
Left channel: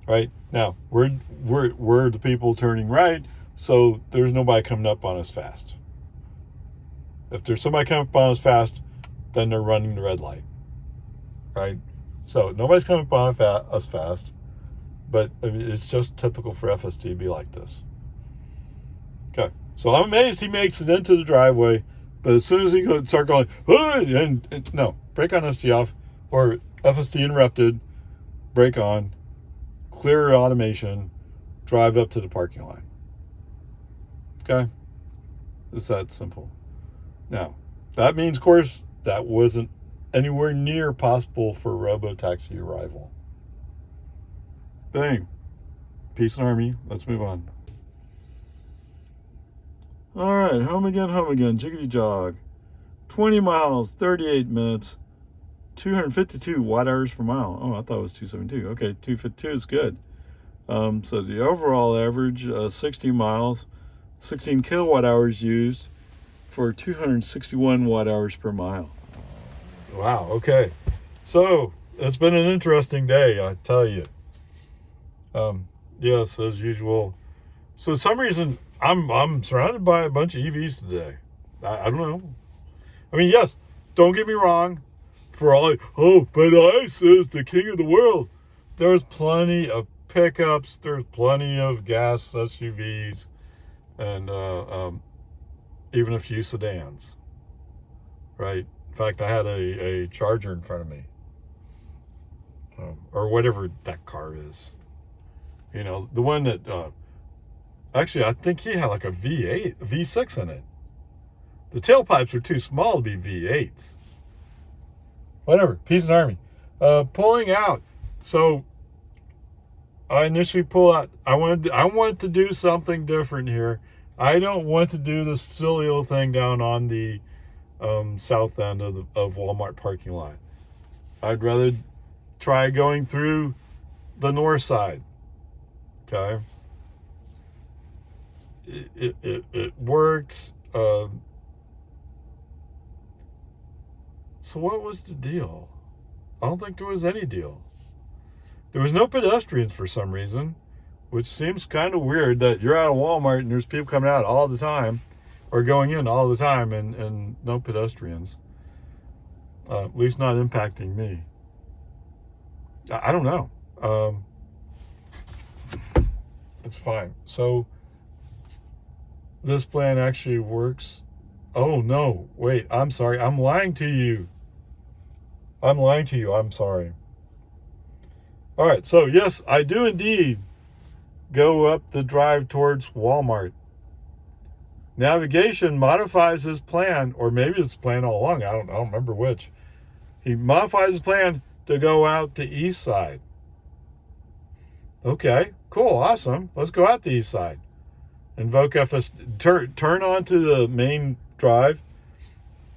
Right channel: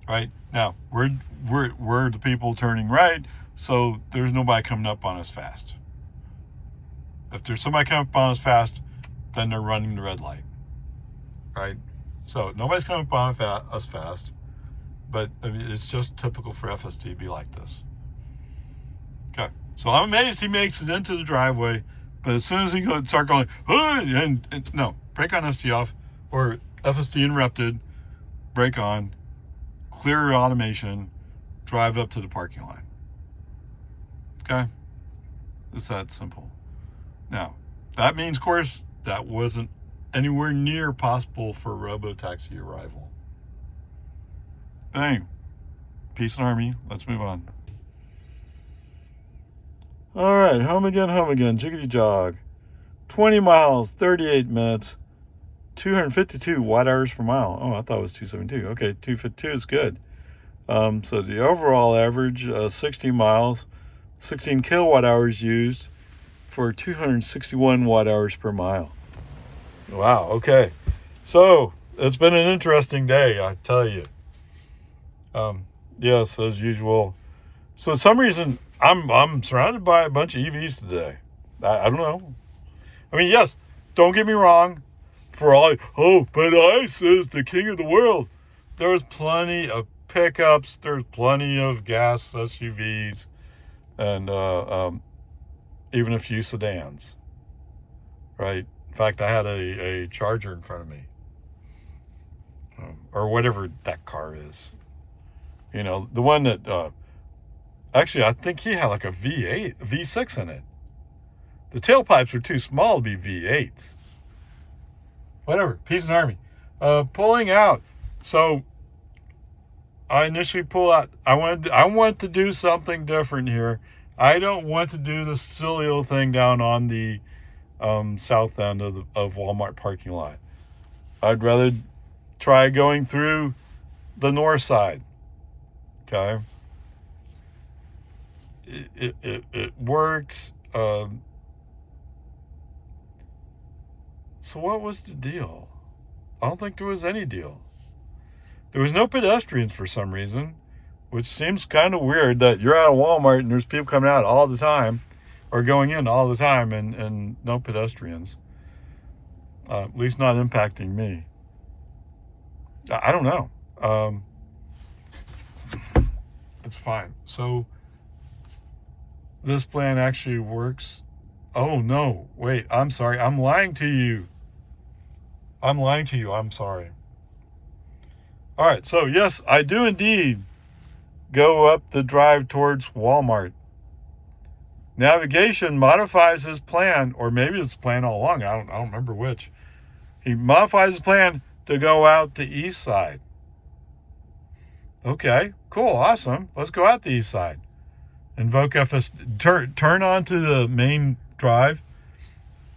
Right? Now, we're the people turning right, so there's nobody coming up on us fast. If there's somebody coming up on us fast, then they're running the red light. Right? So nobody's coming up on us fast, but I mean, it's just typical for FSD to be like this. Okay, so I'm amazed he makes it into the driveway, but as soon as he start going, hey, and no, brake on, FSD off, or FSD interrupted, brake on, clear automation, drive up to the parking lot. Okay, it's that simple. Now, that means, of course, that wasn't anywhere near possible for robotaxi arrival. Bang. Peace and Army. Let's move on. All right, home again, jiggity jog. 20 miles, 38 minutes, 252 watt hours per mile. Oh, I thought it was 272. Okay, 252 is good. So the overall average, 60 miles, 16 kilowatt hours used for 261 watt hours per mile. Wow, okay. So, it's been an interesting day, I tell you. Yes, as usual. So, for some reason, I'm surrounded by a bunch of EVs today. I don't know. I mean, yes, don't get me wrong. For all, but ICE is the king of the world. There's plenty of pickups. There's plenty of gas SUVs. And even a few sedans. Right? In fact, I had a Charger in front of me. Or whatever that car is. You know, the one that, actually, I think he had like a V8, V6 in it. The tailpipes were too small to be V8s. Whatever, Peace and Army. Pulling out. So, I initially pull out. I want to do something different here. I don't want to do the silly little thing down on the south end of Walmart parking lot. I'd rather try going through the north side. Okay. It worked. So what was the deal? I don't think there was any deal. There was no pedestrians for some reason, which seems kind of weird that you're at a Walmart and there's people coming out all the time or going in all the time and no pedestrians. At least not impacting me. I don't know. It's fine. So this plan actually works. Oh no, wait, I'm sorry. I'm lying to you. I'm sorry. All right, so yes, I do indeed go up the drive towards Walmart. Navigation modifies his plan, or maybe it's plan all along. I don't remember which. He modifies his plan to go out the east side. Okay, cool, awesome. Let's go out the east side. Invoke FSD. Turn onto the main drive.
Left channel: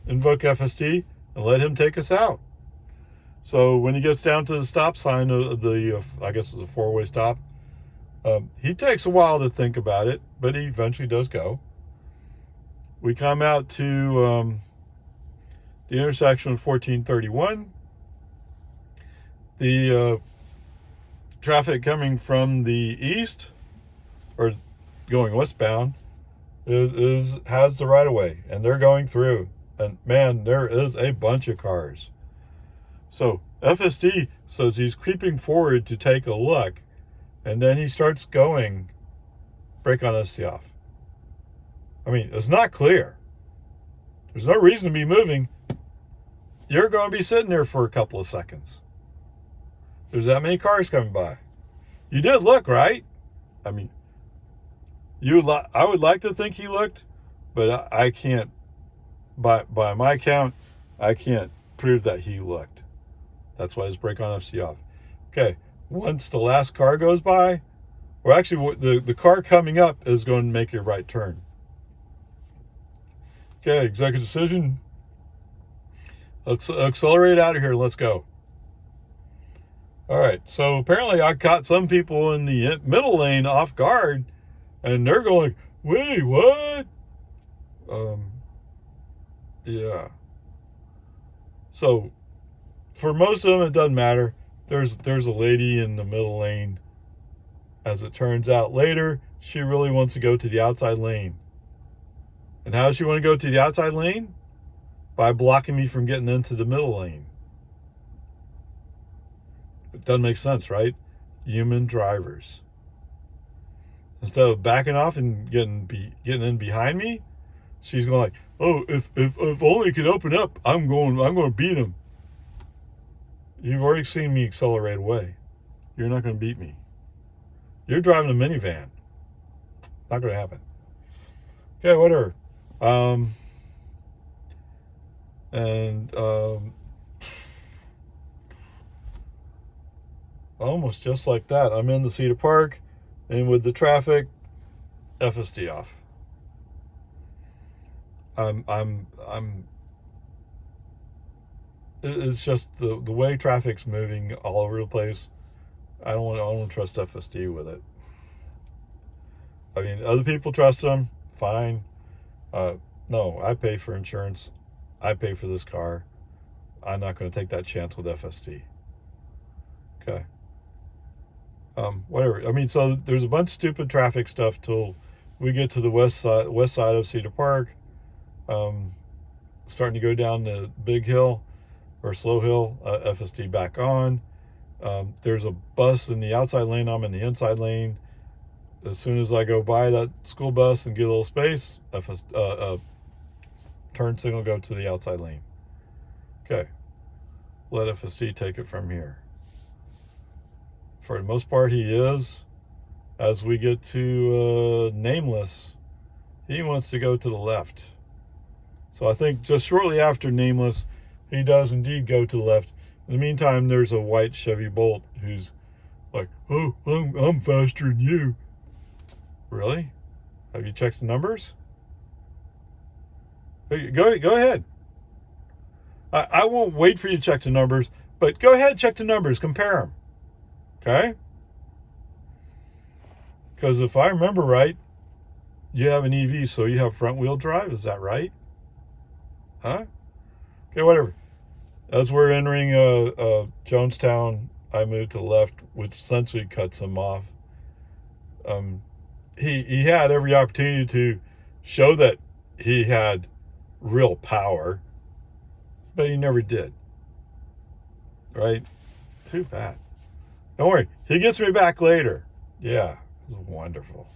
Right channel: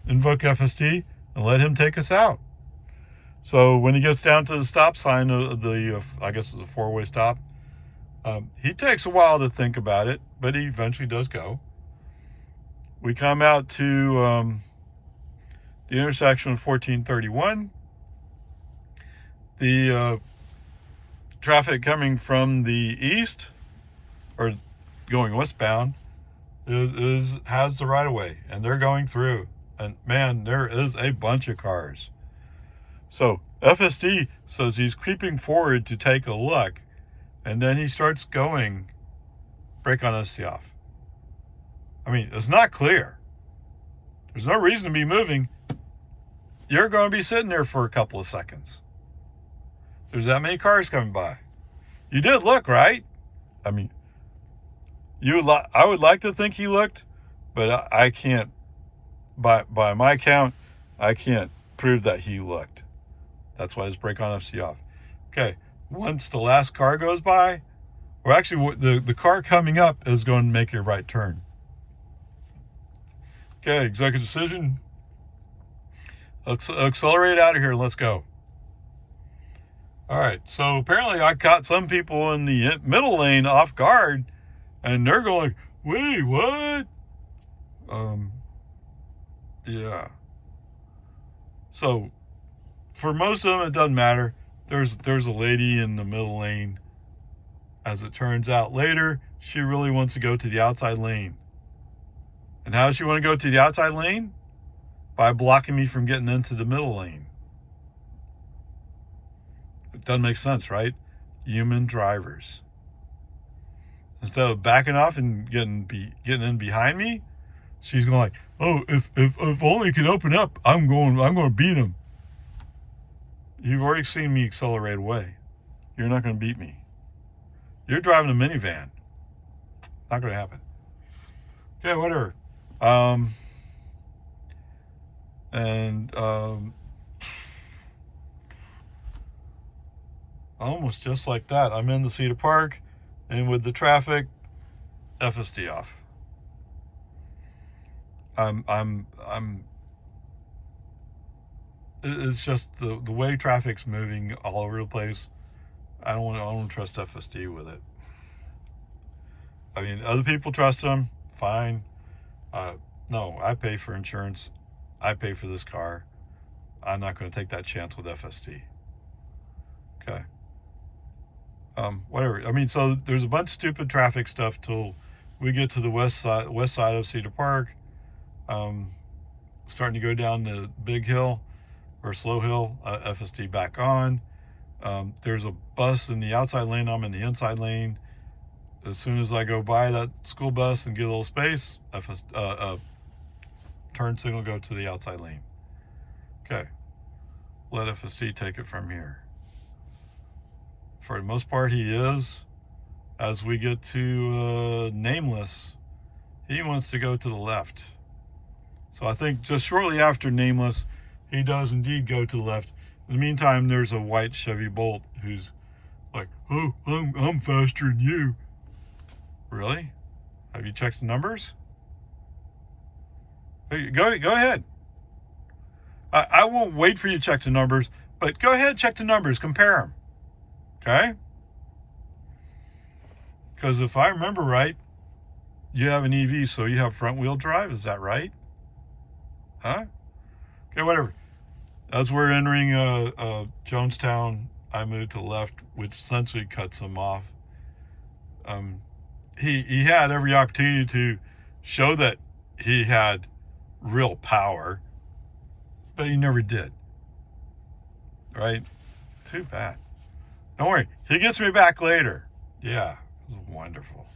Invoke FSD and let him take us out. So when he gets down to the stop sign of the, I guess it's a four-way stop, he takes a while to think about it, but he eventually does go. We come out to the intersection of 1431. The traffic coming from the east, or going westbound, has the right of way, and they're going through. And man, there is a bunch of cars. So FSD says he's creeping forward to take a look, and then he starts going. Brake on ST off. I mean, it's not clear. There's no reason to be moving. You're going to be sitting there for a couple of seconds. There's that many cars coming by. You did look, right? I mean, I would like to think he looked, but I can't, by my count, I can't prove that he looked. That's why his brake on FC off. Okay, once the last car goes by, or actually the car coming up is going to make a right turn. Okay, executive decision. Accelerate out of here. Let's go. All right, so apparently I caught some people in the middle lane off guard, and they're going, wait, what? Yeah. So for most of them, it doesn't matter. There's a lady in the middle lane. As it turns out later, she really wants to go to the outside lane. And how does she want to go to the outside lane? By blocking me from getting into the middle lane. It doesn't make sense, right? Human drivers. Instead of backing off and getting in behind me, she's going like, oh, if only he can open up, I'm going to beat him. You've already seen me accelerate away. You're not going to beat me. You're driving a minivan. Not going to happen. Okay, whatever. Almost just like that, I'm in the Cedar Park, and with the traffic, FSD off. It's just the way traffic's moving all over the place. I don't want to trust FSD with it. I mean, other people trust him, fine. No, I pay for insurance. I pay for this car. I'm not going to take that chance with FSD. Okay. Whatever. I mean, so there's a bunch of stupid traffic stuff till we get to the west side of Cedar Park. Starting to go down the big hill or slow hill, FSD back on. There's a bus in the outside lane. I'm in the inside lane. As soon as I go by that school bus and get a little space, turn signal go to the outside lane. Okay. Let FSD take it from here. For the most part, he is. As we get to Nameless, he wants to go to the left. So I think just shortly after Nameless, he does indeed go to the left. In the meantime, there's a white Chevy Bolt who's like, oh, I'm faster than you. Really? Have you checked the numbers? Hey, go ahead. I won't wait for you to check the numbers, but go ahead, check the numbers, compare them. Okay? Because if I remember right, you have an EV, so you have front wheel drive. Is that right? Huh? Okay, whatever. As we're entering Jonestown, I moved to the left, which essentially cuts him off. He had every opportunity to show that he had real power, but he never did. Right? Too bad. Don't worry. He gets me back later. Yeah. It was wonderful.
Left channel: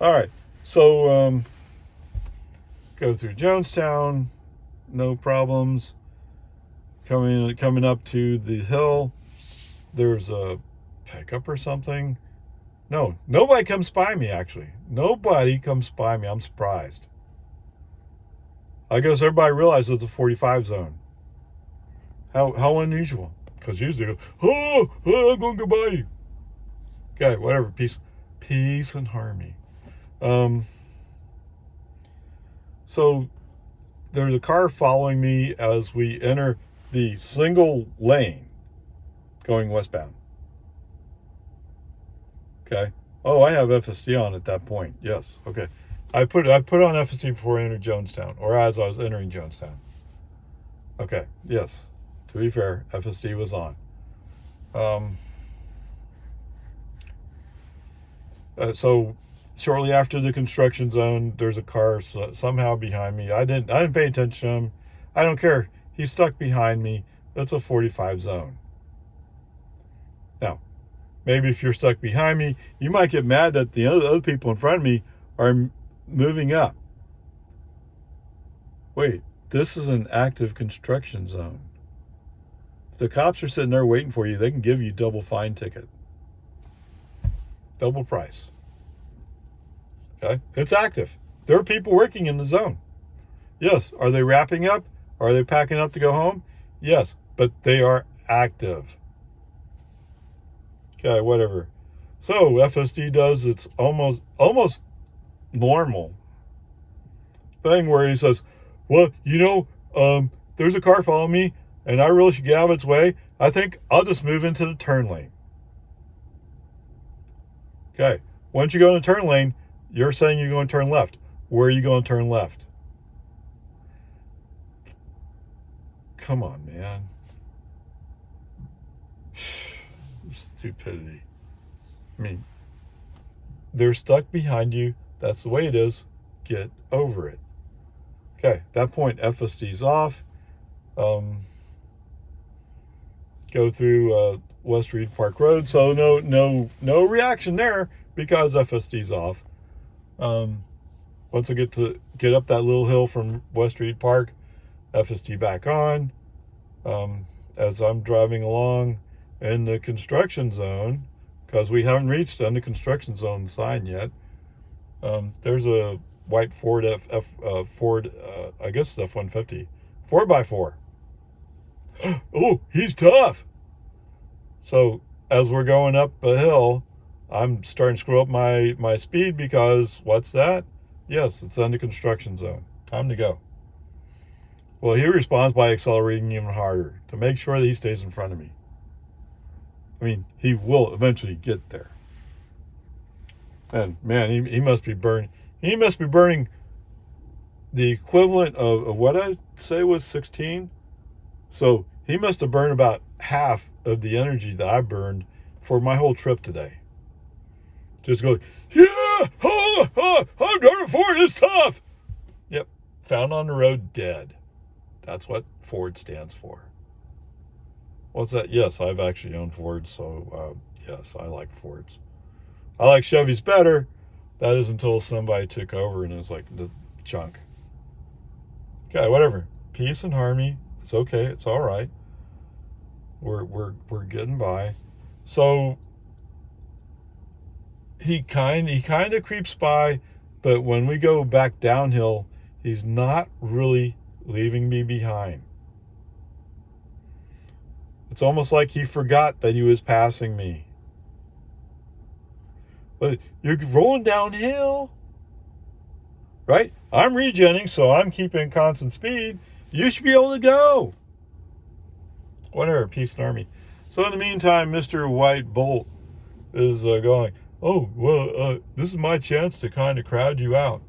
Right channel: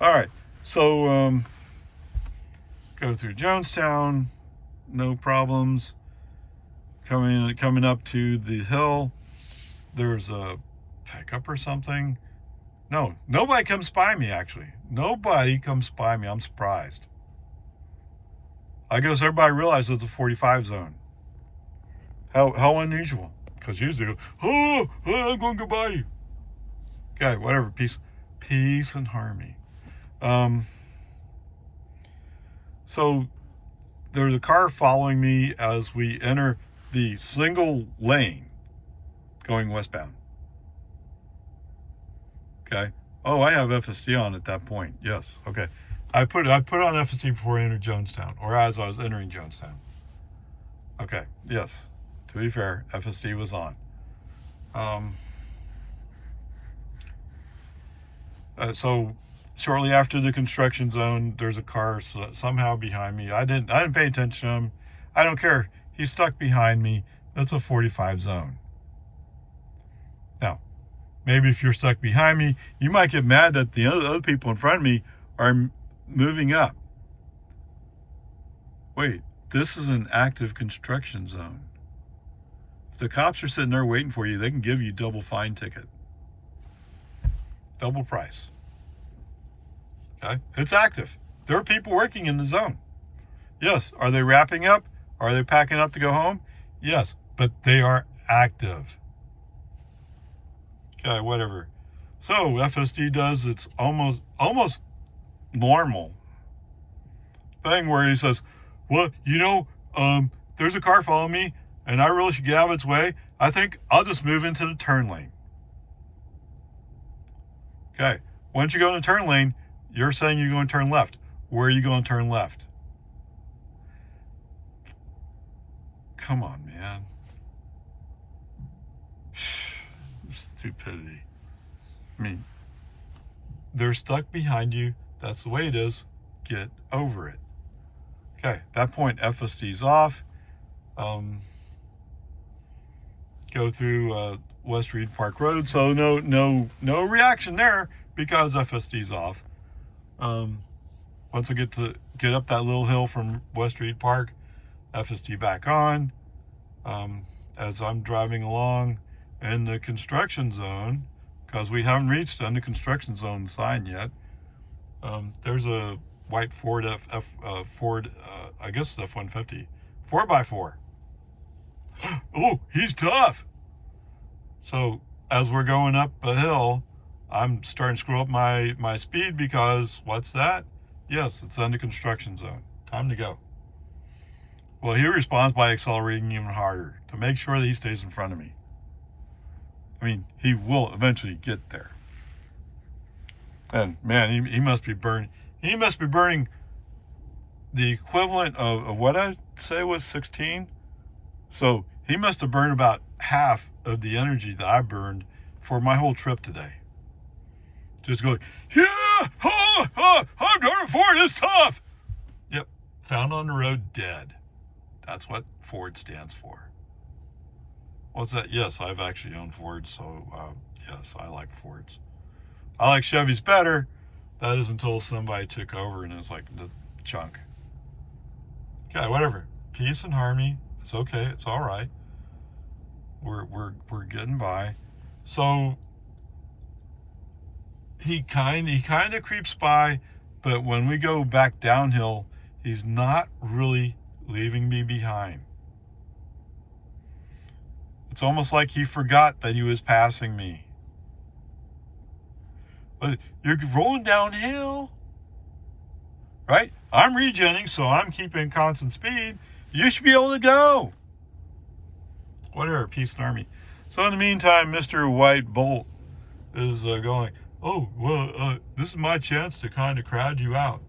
All right, so go through Jonestown, no problems. Coming up to the hill, there's a pickup or something. No, nobody comes by me, actually. Nobody comes by me. I'm surprised. I guess everybody realizes it's a 45 zone. How unusual. Because usually they go, I'm going to go by you. Okay, whatever. Peace and harmony. So there's a car following me as we enter the single lane going westbound. Okay. Oh, I have FSD on at that point. Yes. Okay. I put on FSD before I entered Jonestown, or as I was entering Jonestown. Okay. Yes. To be fair, FSD was on. So shortly after the construction zone, there's a car somehow behind me. I didn't pay attention to him. I don't care. He's stuck behind me. That's a 45 zone. Now, maybe if you're stuck behind me, you might get mad that the other people in front of me are moving up. Wait, this is an active construction zone. If the cops are sitting there waiting for you, they can give you double fine ticket. Double price. Okay? It's active. There are people working in the zone. Yes. Are they wrapping up? Are they packing up to go home? Yes. But they are active. Okay, whatever. So FSD does its almost normal thing where he says, well, there's a car following me and I really should get out of its way. I think I'll just move into the turn lane. Okay. Once you go in the turn lane, you're saying you're going to turn left. Where are you going to turn left? Come on, man. Stupidity. I mean, they're stuck behind you. That's the way it is. Get over it. Okay, at that point, FSD's off. Go through West Reed Park Road. So no reaction there because FSD's off. Once I get up that little hill from West Reed Park, FSD back on. As I'm driving along in the construction zone, because we haven't reached the construction zone sign yet. There's a white Ford Ford, I guess it's F-150, 4x4. Oh, he's tough. So as we're going up a hill, I'm starting to screw up my speed because what's that? Yes, it's on the construction zone. Time to go. Well, he responds by accelerating even harder to make sure that he stays in front of me. I mean, he will eventually get there. And man, he must be burning. He must be burning the equivalent of what I'd say was 16. So he must have burned about half of the energy that I burned for my whole trip today. Just going, yeah, I'm driving Ford, it's tough. Yep, found on the road dead. That's what Ford stands for. What's that? Yes, I've actually owned Fords, so yes, I like Fords. I like Chevys better. That is until somebody took over and it was like the junk. Okay, whatever. Peace and harmony. It's okay. It's all right. We're getting by. So he kind of creeps by, but when we go back downhill, he's not really leaving me behind. It's almost like he forgot that he was passing me. But you're rolling downhill, right? I'm regenning, so I'm keeping constant speed. You should be able to go. Whatever, peace and army. So in the meantime, Mr. White Bolt is going, oh, well, this is my chance to kind of crowd you out.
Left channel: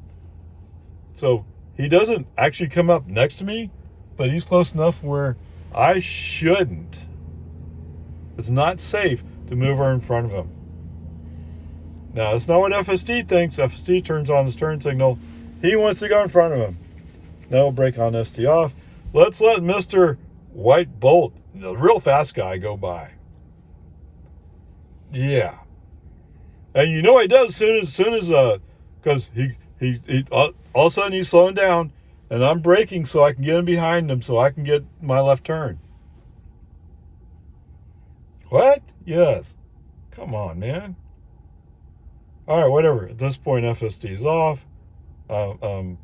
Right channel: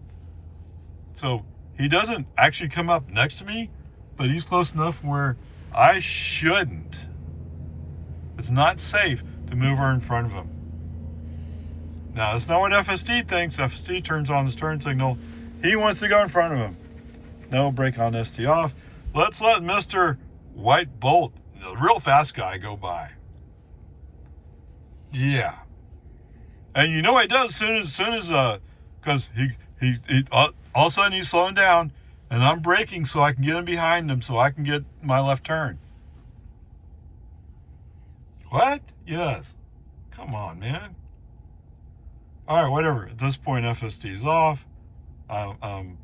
So he doesn't actually come up next to me, but he's close enough where I shouldn't. It's not safe to move her in front of him. Now, that's not what FSD thinks. FSD turns on his turn signal. He wants to go in front of him. No, brake on ST off. Let's let Mr. White Bolt, the real fast guy, go by. Yeah. And you know what he does as soon as because he all of a sudden he's slowing down, and I'm braking so I can get in behind him so I can get my left turn. What? Yes. Come on, man. All right, whatever. At this point, FSD is off. I'm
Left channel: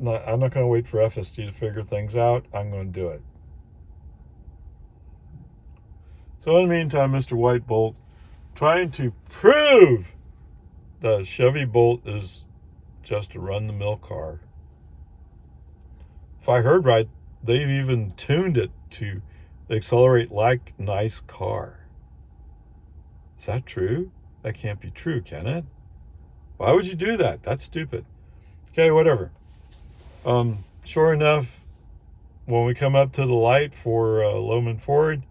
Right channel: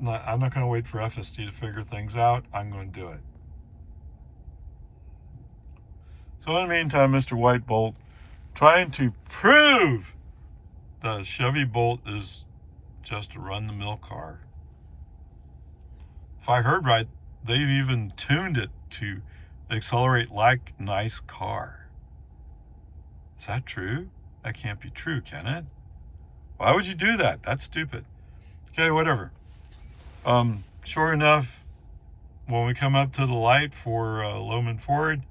not going to wait for FSD to figure things out. I'm going to do it. So in the meantime, Mr. White Bolt trying to prove the Chevy Bolt is just a run-the-mill car. If I heard right, they've even tuned it to accelerate like nice car. Is that true? That can't be true, can it? Why would you do that? That's stupid. Okay, whatever. Sure enough, when we come up to the light for Loman Ford,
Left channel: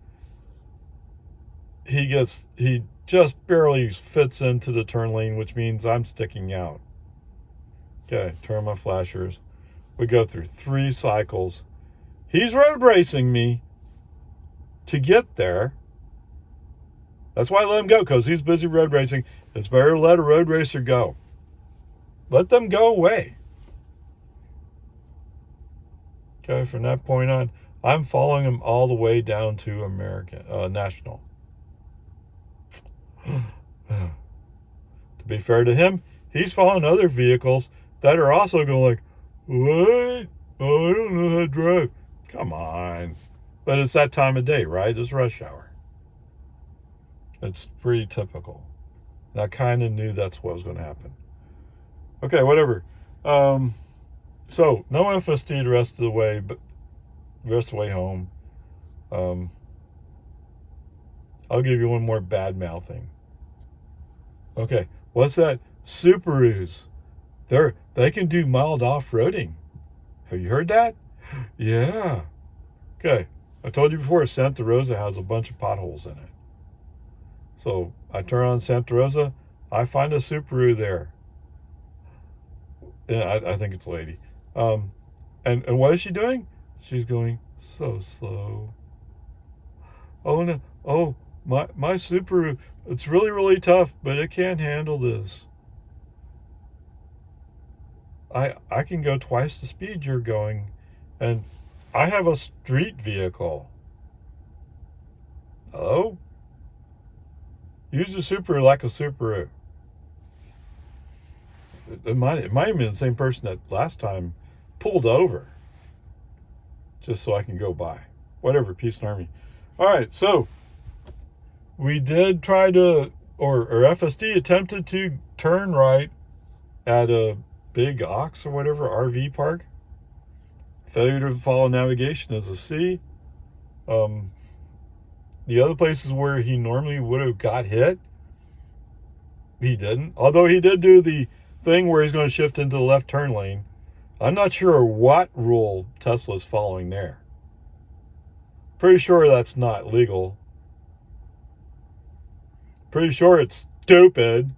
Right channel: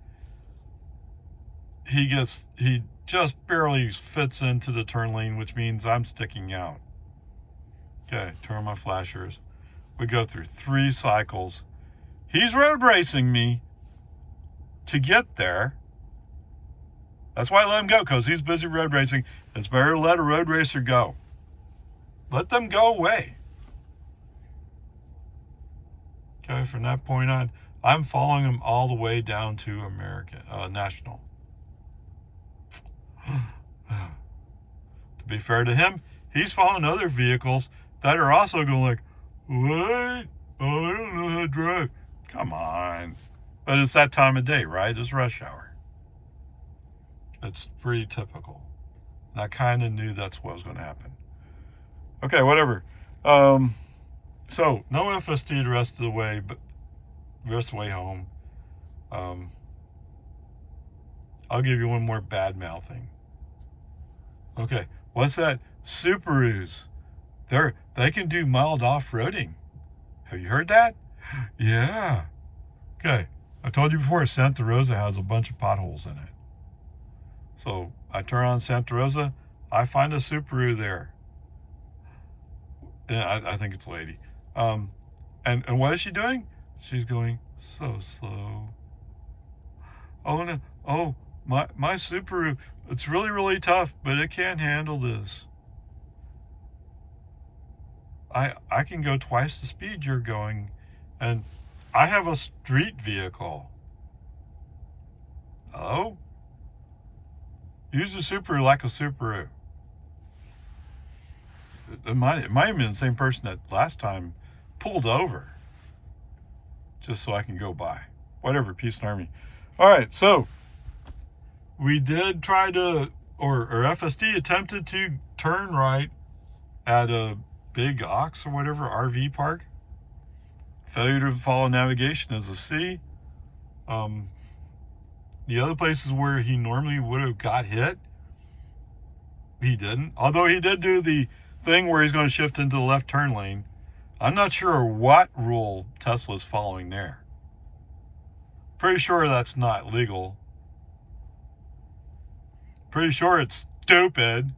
he just barely fits into the turn lane, which means I'm sticking out. Okay, turn on my flashers. We go through 3 cycles. He's road racing me to get there. That's why I let him go, because he's busy road racing. It's better to let a road racer go. Let them go away. Okay, from that point on, I'm following him all the way down to National. To be fair to him, he's following other vehicles that are also going like, what? Oh, I don't know how to drive. Come on. But it's that time of day, right? It's rush hour. It's pretty typical. And I kind of knew that's what was going to happen. Okay, whatever. So, no FSD the rest of the way, but the rest of the way home. I'll give you one more bad mouthing. Okay, what's that? Subarus. They can do mild off-roading. Have you heard that? Yeah. Okay, I told you before, Santa Rosa has a bunch of potholes in it. So I turn on Santa Rosa, I find a Subaru there. Yeah, I think it's a lady. And what is she doing? She's going so slow. Oh no! Oh, my Subaru, it's really, really tough, but it can't handle this. I can go twice the speed you're going, and I have a street vehicle. Hello? Use a Subaru like a Subaru. It might have been the same person that last time pulled over just so I can go by. Whatever, peace and army. All right, so we did try to, or FSD attempted to turn right at a Big Ox or whatever RV park. Failure to follow navigation is a C. The other places where he normally would have got hit, he didn't. Although he did do the thing where he's going to shift into the left turn lane. I'm not sure what rule Tesla's following there. Pretty sure that's not legal. Pretty sure it's stupid.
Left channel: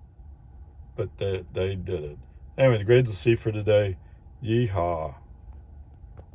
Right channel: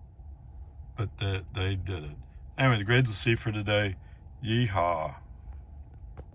But they did it. Anyway, the grades will see for today. Yeehaw.